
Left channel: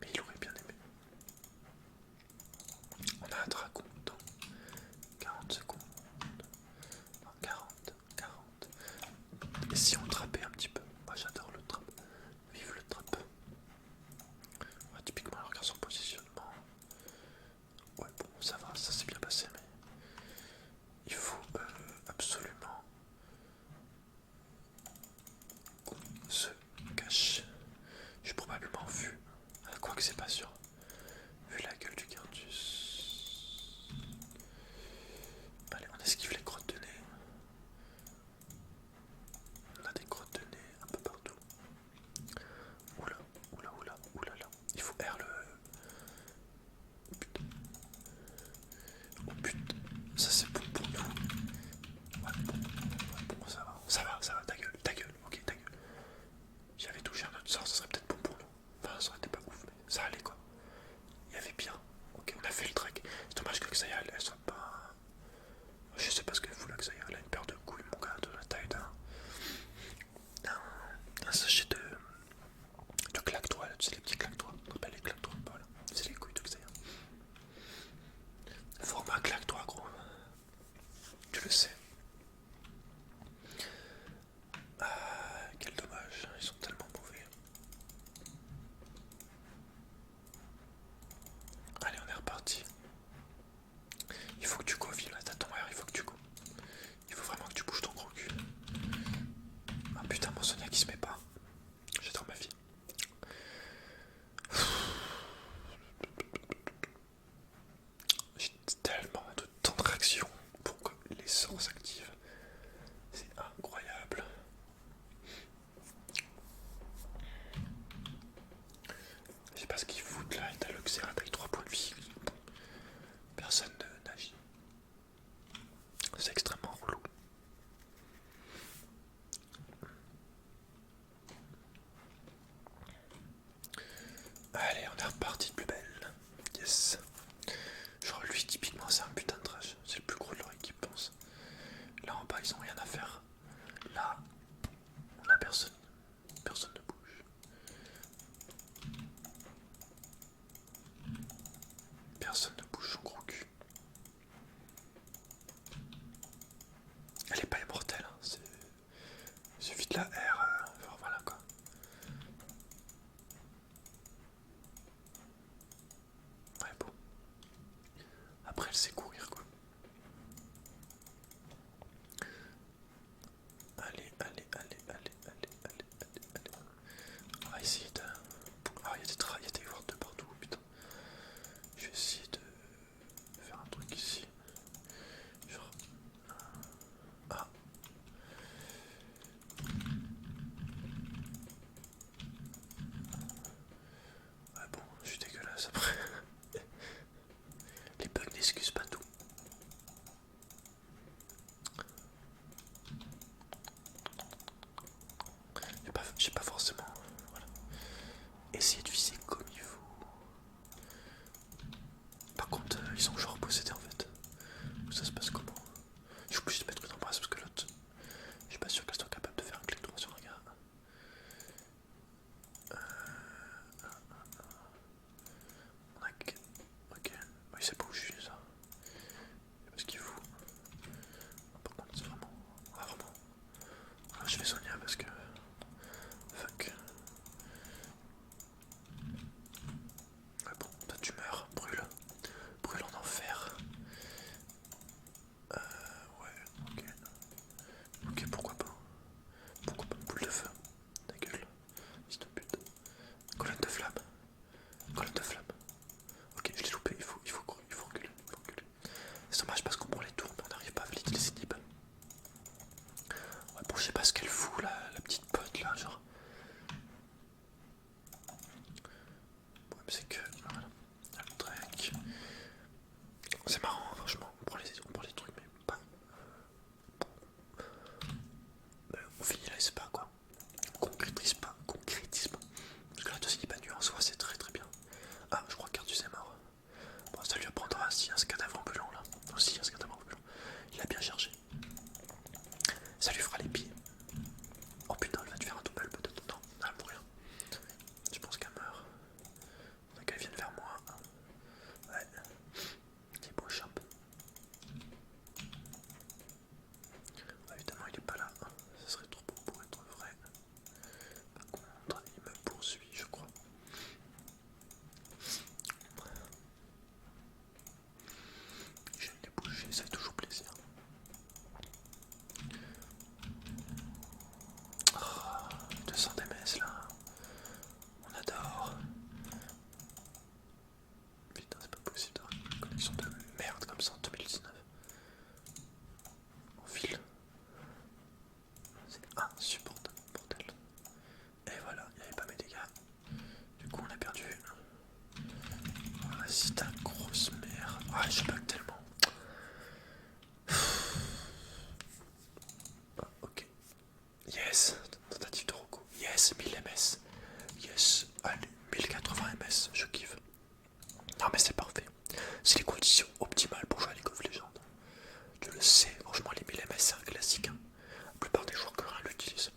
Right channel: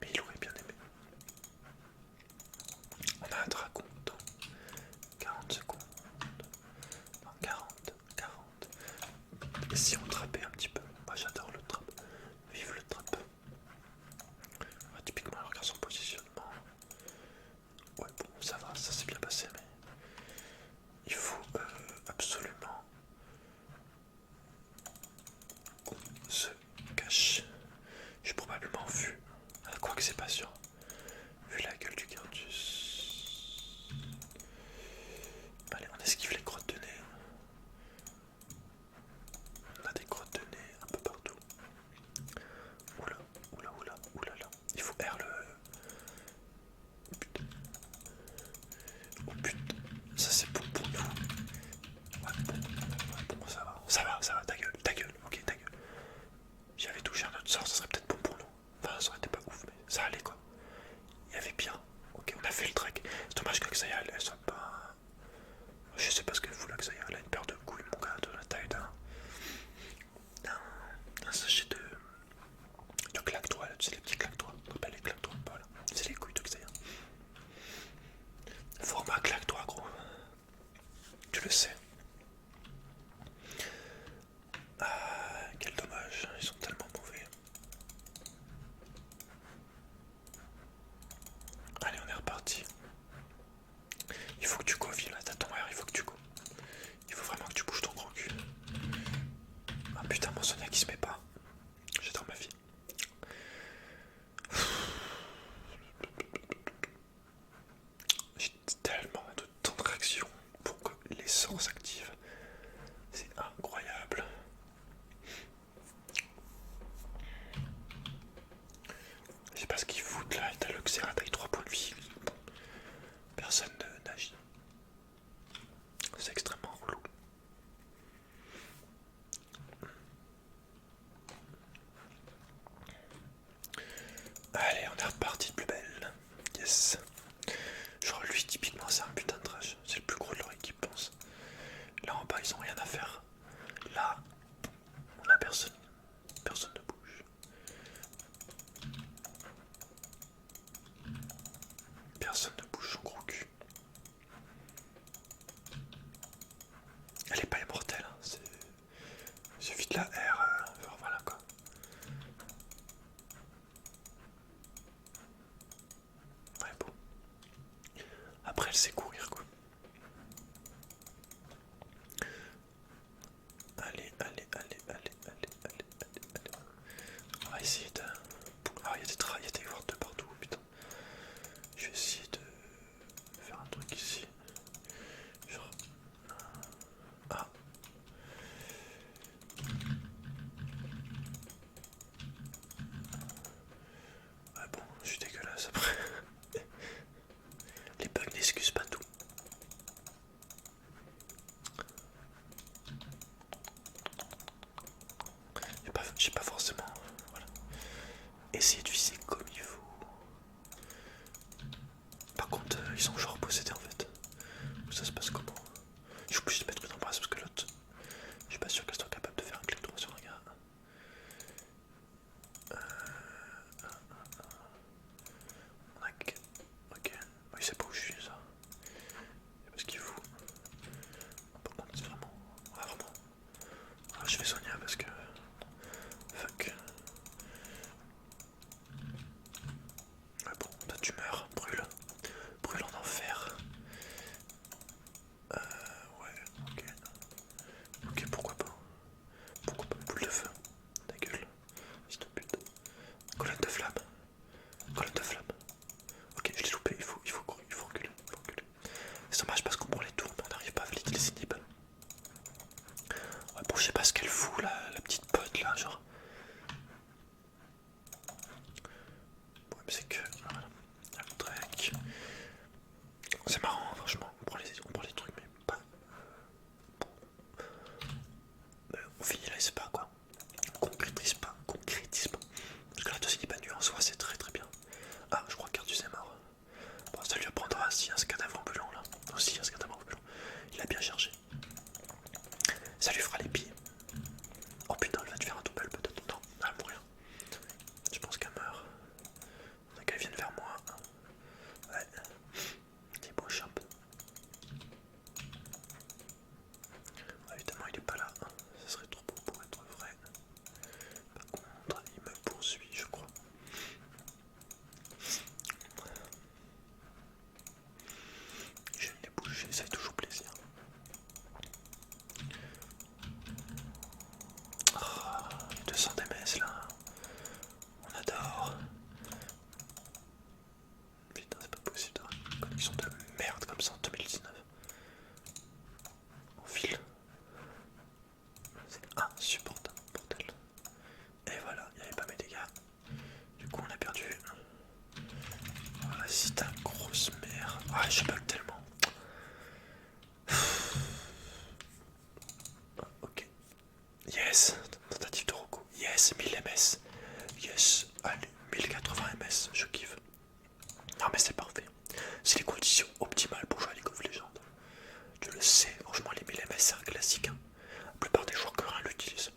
Mais il aurait bien aimé. On a un dragon dans 40 secondes. Non, 40. Et si on trappait un petit peu? Moi j'adore le trap. Vive le trap. Ouais, typiquement, elle regarde son positionnement. Ouais, bon, ça va, ça s'est bien passé, mais il faut absolument qu'on se cache. J'ai probablement vu, quoique c'est pas sûr, vu la gueule du Gartus. Allez, on esquive les grottes de nez. On a des grottes de nez un peu partout. Oula. Il faut R le... Putain. Oh putain, ça c'est bon pour nous. Ouais, bon, ça va, ta gueule, ok, ta gueule. J'avais touché un autre sort, ça serait peut-être bon pour nous. Enfin, ça aurait été pas ouf, mais ça allait quoi. Il y avait bien. Ok, on a fait le trek. C'est dommage que Xayah, elle soit pas... Je sais pas ce qu'elle fout là, Xayah. Elle a une paire de couilles, mon gars, de la taille d'un sachet de claque-toi, tu sais, les petits claque-toi. On appelle les claque-toi, voilà. C'est les couilles de Xayah. Format claque-toi, gros. Tu le sais. Ah, quel dommage, ils sont tellement mauvais. Allez, on est reparti. Il faut que tu go, là, t'as ton R, il faut que tu go. Il faut vraiment que tu bouges ton gros cul. Ah putain, mon Sonia qui se met pas. J'adore ma vie. J'ai tellement de temps de réaction pour que les sorts s'activent. C'est incroyable. Je sais pas ce qu'ils foutent là, et t'as le Xerath avec 3 points de vie. Personne ne n'agit. C'est extrêmement relou. Allez, on est reparti de plus belle. Yes. Genre lui typiquement c'est un putain de trash. C'est le plus gros de leur équipe, pense. sait courir quoi. Allez, allez, allez, allez, allez, allez, allez, allez. On va essayer de... Ah, il y a des trails, il y a des wards de partout, putain. Je vais essayer de faire un truc ici. Genre... Ah. Ouais bon, je suis dégueulasse après. Les bugs n'excusent pas tout. J'ai pas forcément... Voilà. Essayer de viser comme il faut. Par contre, ils sont genre possédés en fait. Ça se passe comment? Je suis obligé de mettre une embrasse parce que l'autre... Je suis pas sûr qu'elle soit capable de faire un clic droit sur un gars. On a que... Ok. Oui, c'est pas où je suis ça. C'est parce qu'il faut... Par contre, c'est vraiment... Ah, vraiment... Ah, je vais soigner parce que... Fuck. Ouais bon, toi tu meurs. Brûle. Brûle en enfer. Ouais, ok. Ok, pourquoi pas. Pourquoi pas. Boule de feu. Ta gueule. Fils de pute. Colonne de flamme. Colonne de flamme. Ok, je l'ai loupé, il faut reculer, il faut reculer. C'est dommage parce qu'on prend les tours, mais on n'arrive pas à valider les inhibs. Ouais, bon, je sais pas ce qu'elle fout, la petite pote là, genre. Bon, mais c'est que. Voilà. Trek. C'est marrant, franchement, on prend les trucs, mais pas. On finit là, c'est pas quoi. On concrétise pas, concrétise pas. Parce que la deuxième inhib en soi, c'est très très bien. Ah, je crois qu'Artus est mort. Bon, ça lui apprendra si un cadavre ambulant là. Aussi un cadavre ambulant. Il a bien chargé. Ça lui fera les pieds. Oh putain, elle va te faire un double peut-être. Non, elle va mourir. Je pense qu'elle meurt. Faudrait qu'elle vienne vers moi. Ouais. Petit beau champ. Évidemment, il est pas là. Ça serait trop beau pour être vrai. Par contre, il me poursuit, je crois. Je l'ai bougé, ça fait toujours plaisir. Oh, 200 ms là. On adore. Putain, c'est pas possible d'avoir une connexion de merde comme ça en 2019. En fil. C'est insupportable, bordel. Et voilà, il n'y avait pas mes dégâts. Du coup, on a perdu. Vas-y, ta grosse merde. Ah, je bug tellement. Ok. Yes. Tentative de Roku. Yes, 1000 ms. Yes. Allez, 1080 ms. Je kiffe. Non, mais c'est parfait. C'est les conditions optimales pour jouer à League of Legends. Tu le sais, franchement, les 1000 ms, c'est un classique. Hein. La plupart des joueurs que rien l'utilisent.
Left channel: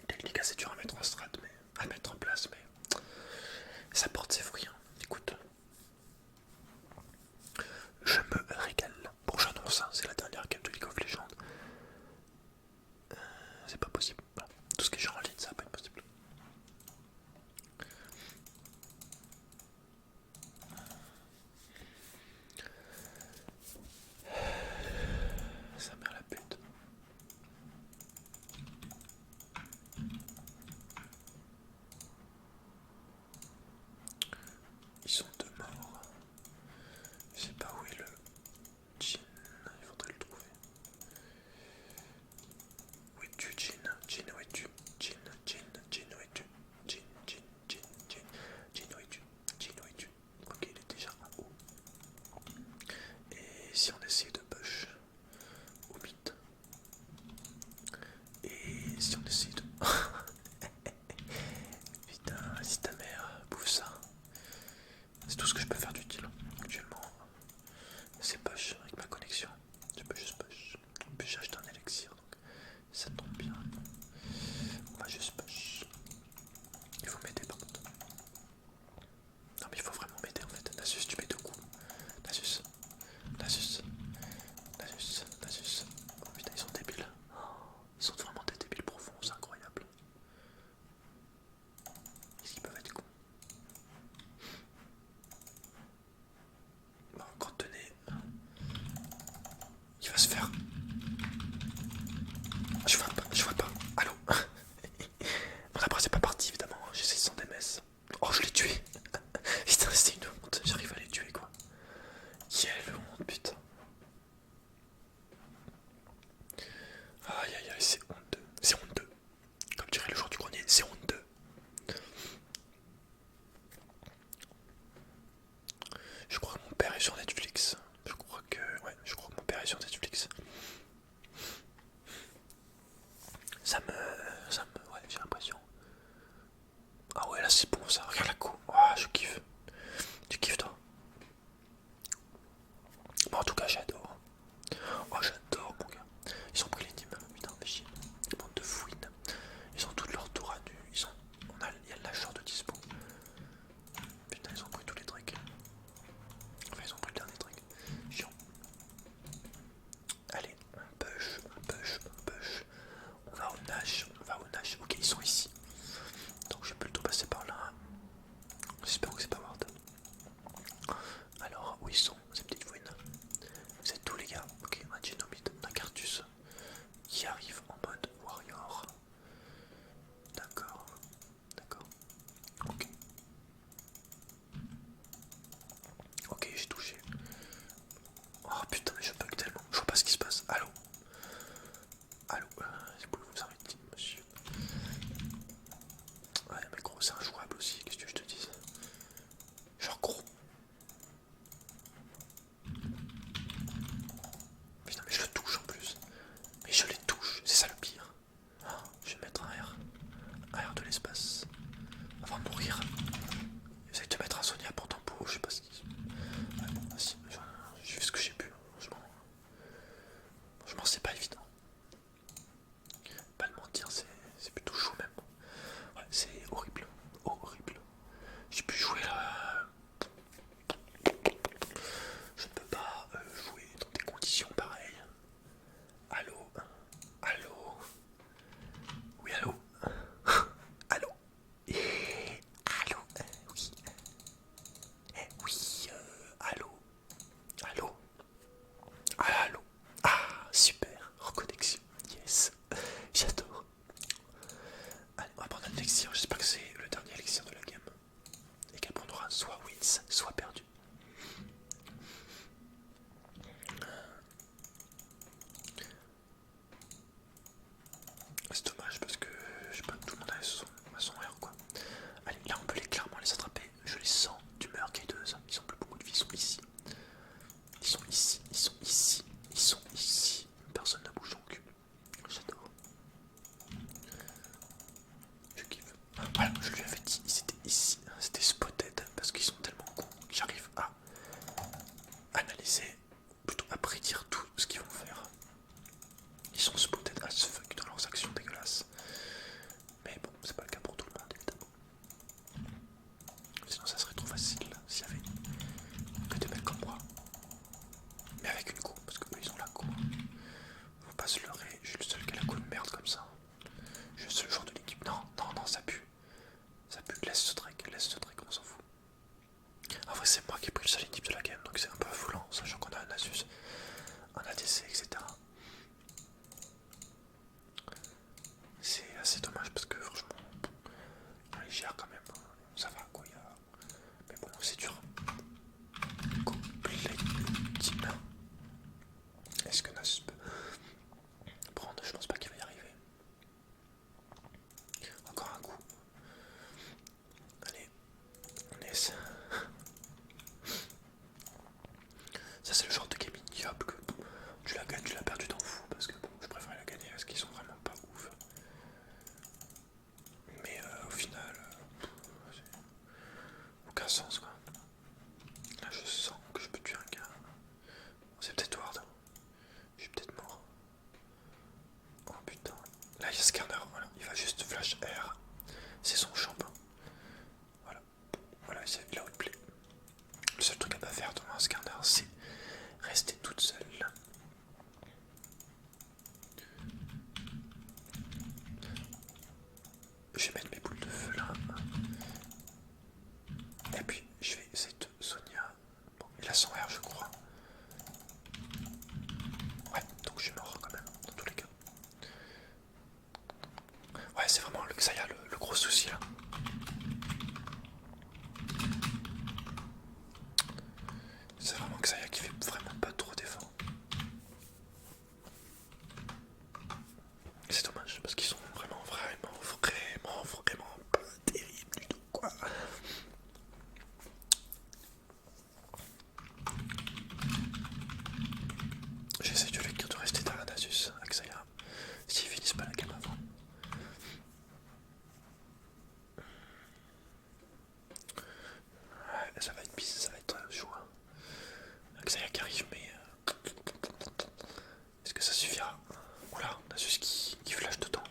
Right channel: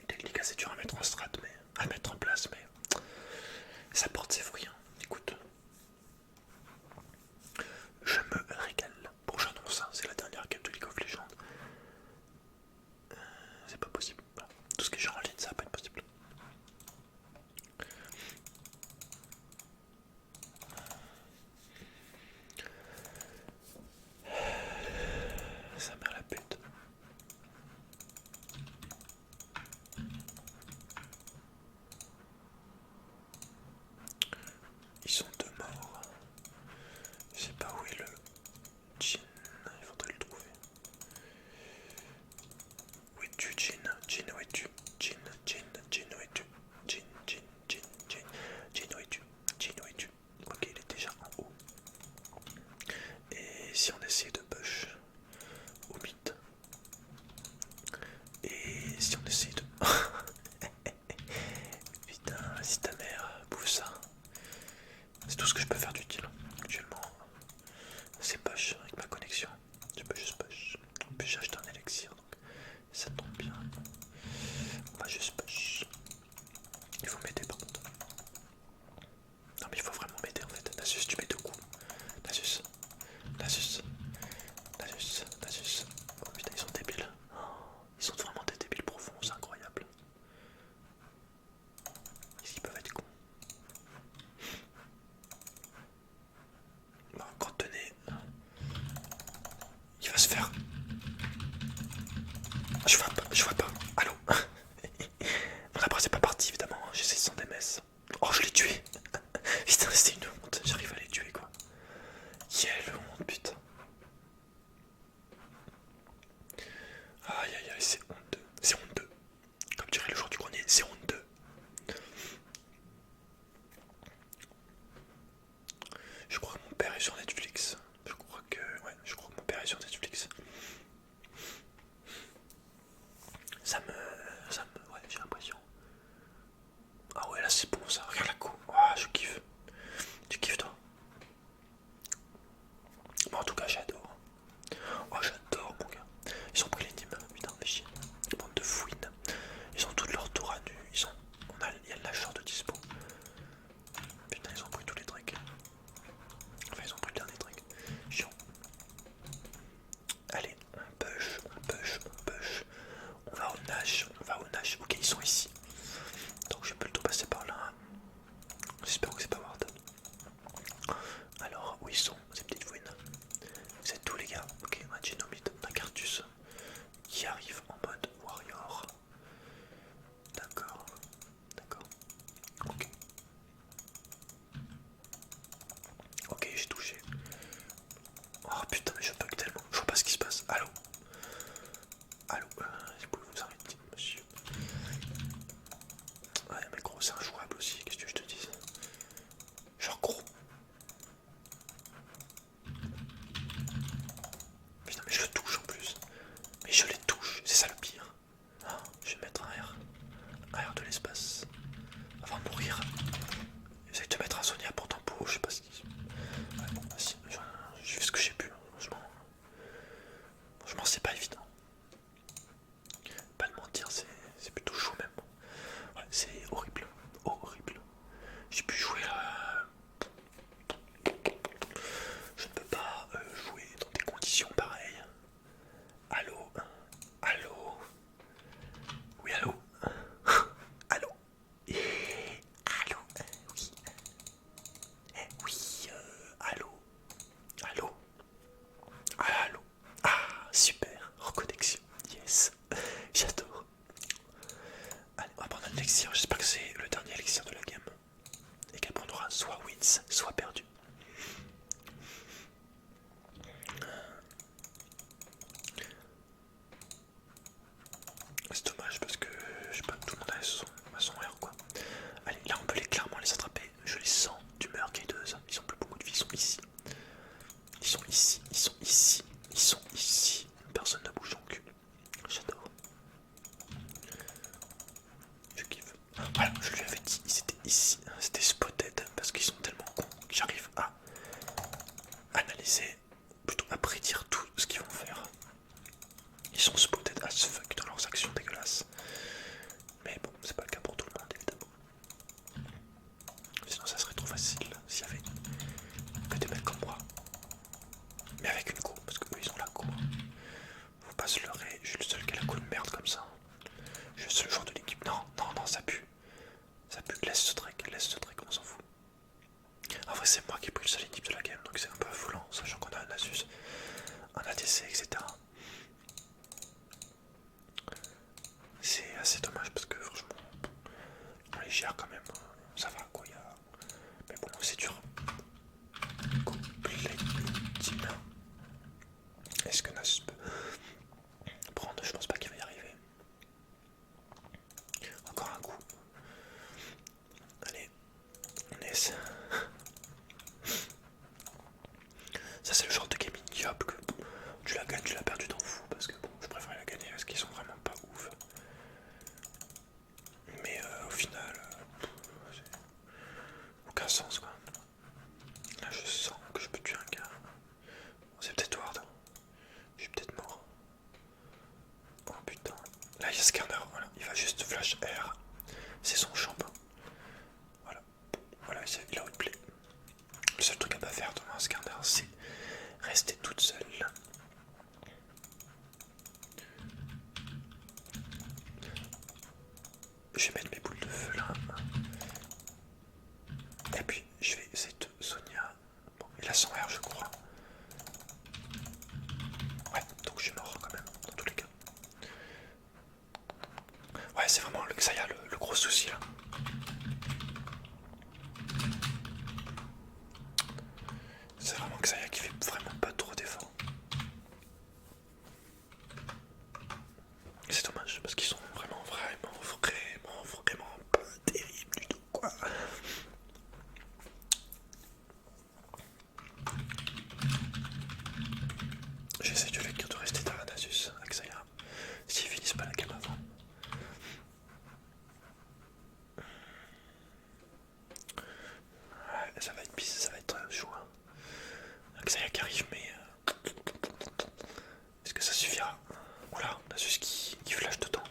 Une technique assez dure à mettre en strat, mais à mettre en place, mais ça porte ses fruits. Hein. Écoute, je me régale. Bon, j'annonce, hein, c'est la dernière game de League of Legends. C'est pas possible. Voilà. Tout ce qui est genre en ligne, ça va pas être possible. Ça mère la pute. Ils sont deux morts. Je sais pas où est le Jin. Il faudrait le trouver. Où es-tu, Jin? Jin, où es-tu? Jin, Jin, Jin, où es-tu? Jin, Jin, Jin, Jin, Jin, où es-tu? Jin, où es-tu? Ok, il est déjà en haut. Et si on essaye de push au mid? Et si on essaye de... Putain, si ta mère bouffe ça. C'est tout ce que je peux faire d'utile actuellement. C'est push avec ma connexion. Je peux juste push. En plus j'ai acheté un élixir donc ça tombe bien. On va juste push. Il faut m'aider par contre. Non mais il faut vraiment m'aider en fait. Nasus, tu mets deux coups. Nasus. Nasus. Nasus. est sur Netflix. Je crois que... Ouais, je crois que mon père est sur Netflix. Ça me... Ouais, j'ai l'impression. Ah ouais, là c'est bon ça. Regarde la coupe. Oh, je kiffe. Tu kiffes toi? Bon, en tout cas, j'adore. Oh, j'adore mon gars. Ils ont pris l'énigme. Putain, des chiens. Bande de fouines. Ils ont toutes leurs tours à nu. Il y a le lâcheur de dispo. Putain, ils ont pris tous les trucs. Enfin, ils ont pris le dernier truc. Chiant. Allez, on push, on push, on push. On va au Nash, on va au Nash. Ok, ils sont ici. Donc je vais plutôt passer par là. J'espère que c'est pas Ward. Alors, où ils sont, ces petites fouines? Vous êtes tous les gars. Ok, on a Genomide, on a Cartus qui arrive en mode warrior. D'accord, d'accord. Ok. Ok, j'ai touché. Oh putain, mais je bug tellement. Je vois pas ce qui se passe. Allô? Allô? Pouvez-vous vous arrêter, monsieur? Ouais, mais gros, c'est injouable aussi. Qu'est-ce que je te dis? Genre gros. Putain, mais je le touche en plus. Mais je les touche, c'est ça le pire. Ah, je vais mettre un R de l'espace. Avant de mourir. J'essaie de mettre un Sonia pour tempo, je sais pas ce qui... Ouais, bon, vas-y, j'ai fait ce que j'ai pu, franchement. Franchement, c'est pas évident. Pas le mentir, c'est plutôt chaud même. Ouais, c'est horrible. Horrible. J'ai pu jouer là. Je ne peux pas jouer dans des conditions pareilles. Allô? Allô? Oui, allô? Allô? Allô? Oui. Oui, allô? Allô? Ah, allô? Ah, super. Reconnexion. Yes. J'adore. Allez, on va prendre un élixir. J'espère que c'est le dernier élixir de la game. Et qu'après on aura soit wins, soit perdu. C'est dommage parce que je sais pas, tout le monde a son R quoi. Allez, là on peut clairement les attraper. Je les sens d'humeur K2. Ils ont plus beaucoup de vie, ils sont ici. Ils sont ici, ils sont ici, ils sont ici. Personne ne bouge en cul. J'adore. Je kiffe. Voilà, je lui avais dit, ils étaient ici. C'était spotted parce qu'ils sont tellement cons que j'arrive à analyser, plutôt à prédire tout ce qu'ils vont faire. Ils sont spotted as fuck dans leurs actions dégueulasses. Mais bon, c'est pas le cas pour tout le monde évidemment. Sinon ça serait trop facile s'il y avait que des mecs comme moi. Mais avec une co, parce qu'eux ils ont la co. Faut pas se leurrer, je suis le seul qui a la co de merde comme ça. Je suis le seul joueur de l'équipe. Non, non, non, ça pue. Ça pue, laisse ce trek, on s'en fout. En vrai c'est moi qui ai pris le seul équipe de la game, donc c'est un peu affolant, sachant qu'on a un Asus, un ADC, etc. C'est assez dommage parce que franchement, on les gère quand même, ça va quoi, mais bon c'est dur. Complet team. Est-ce que Nasus peut prendre? Je pense pas qu'il va y arriver. Encore un coup. Allez, on essaie. Ça c'est le genre de gaming job que tu la gagnes, tu l'as perdu, t'en fous, parce que bon, je préfère la gagner parce qu'ils sont vraiment pas ouf. Mais au final, aucun sens quoi. Là je sens que je peux tuer un gars. C'est peut-être Ward. Je suis peut-être mort. Oh putain. Là il y a Scanner, voilà. Il va juste flash R. C'est son champ. Voilà. Voilà, il a outplay. Le seul truc à pas faire dans un Scanner, c'est rester toute seule. Je vais mettre mes boules de feu là. Et puis Xayah qui arrive, mais est-ce que ça suffira? Oula, on a Zeus qui flash dedans.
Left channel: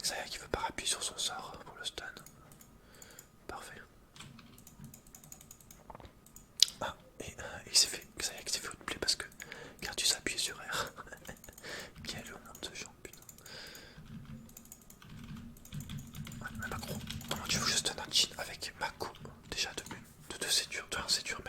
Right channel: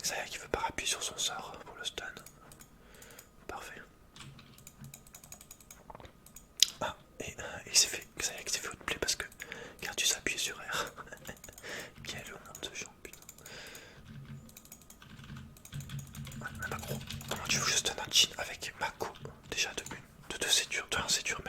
Xayah qui veut pas appuyer sur son sort pour le stun. Parfait. Ah, et il s'est fait, Xayah qui s'est fait outplay parce que Cartus a appuyé sur R. Quelle honte ce champ, putain. Ah, Macro, comment tu veux que je stun un Jhin avec Mako? Déjà de 2 c'est dur, de 1 c'est dur,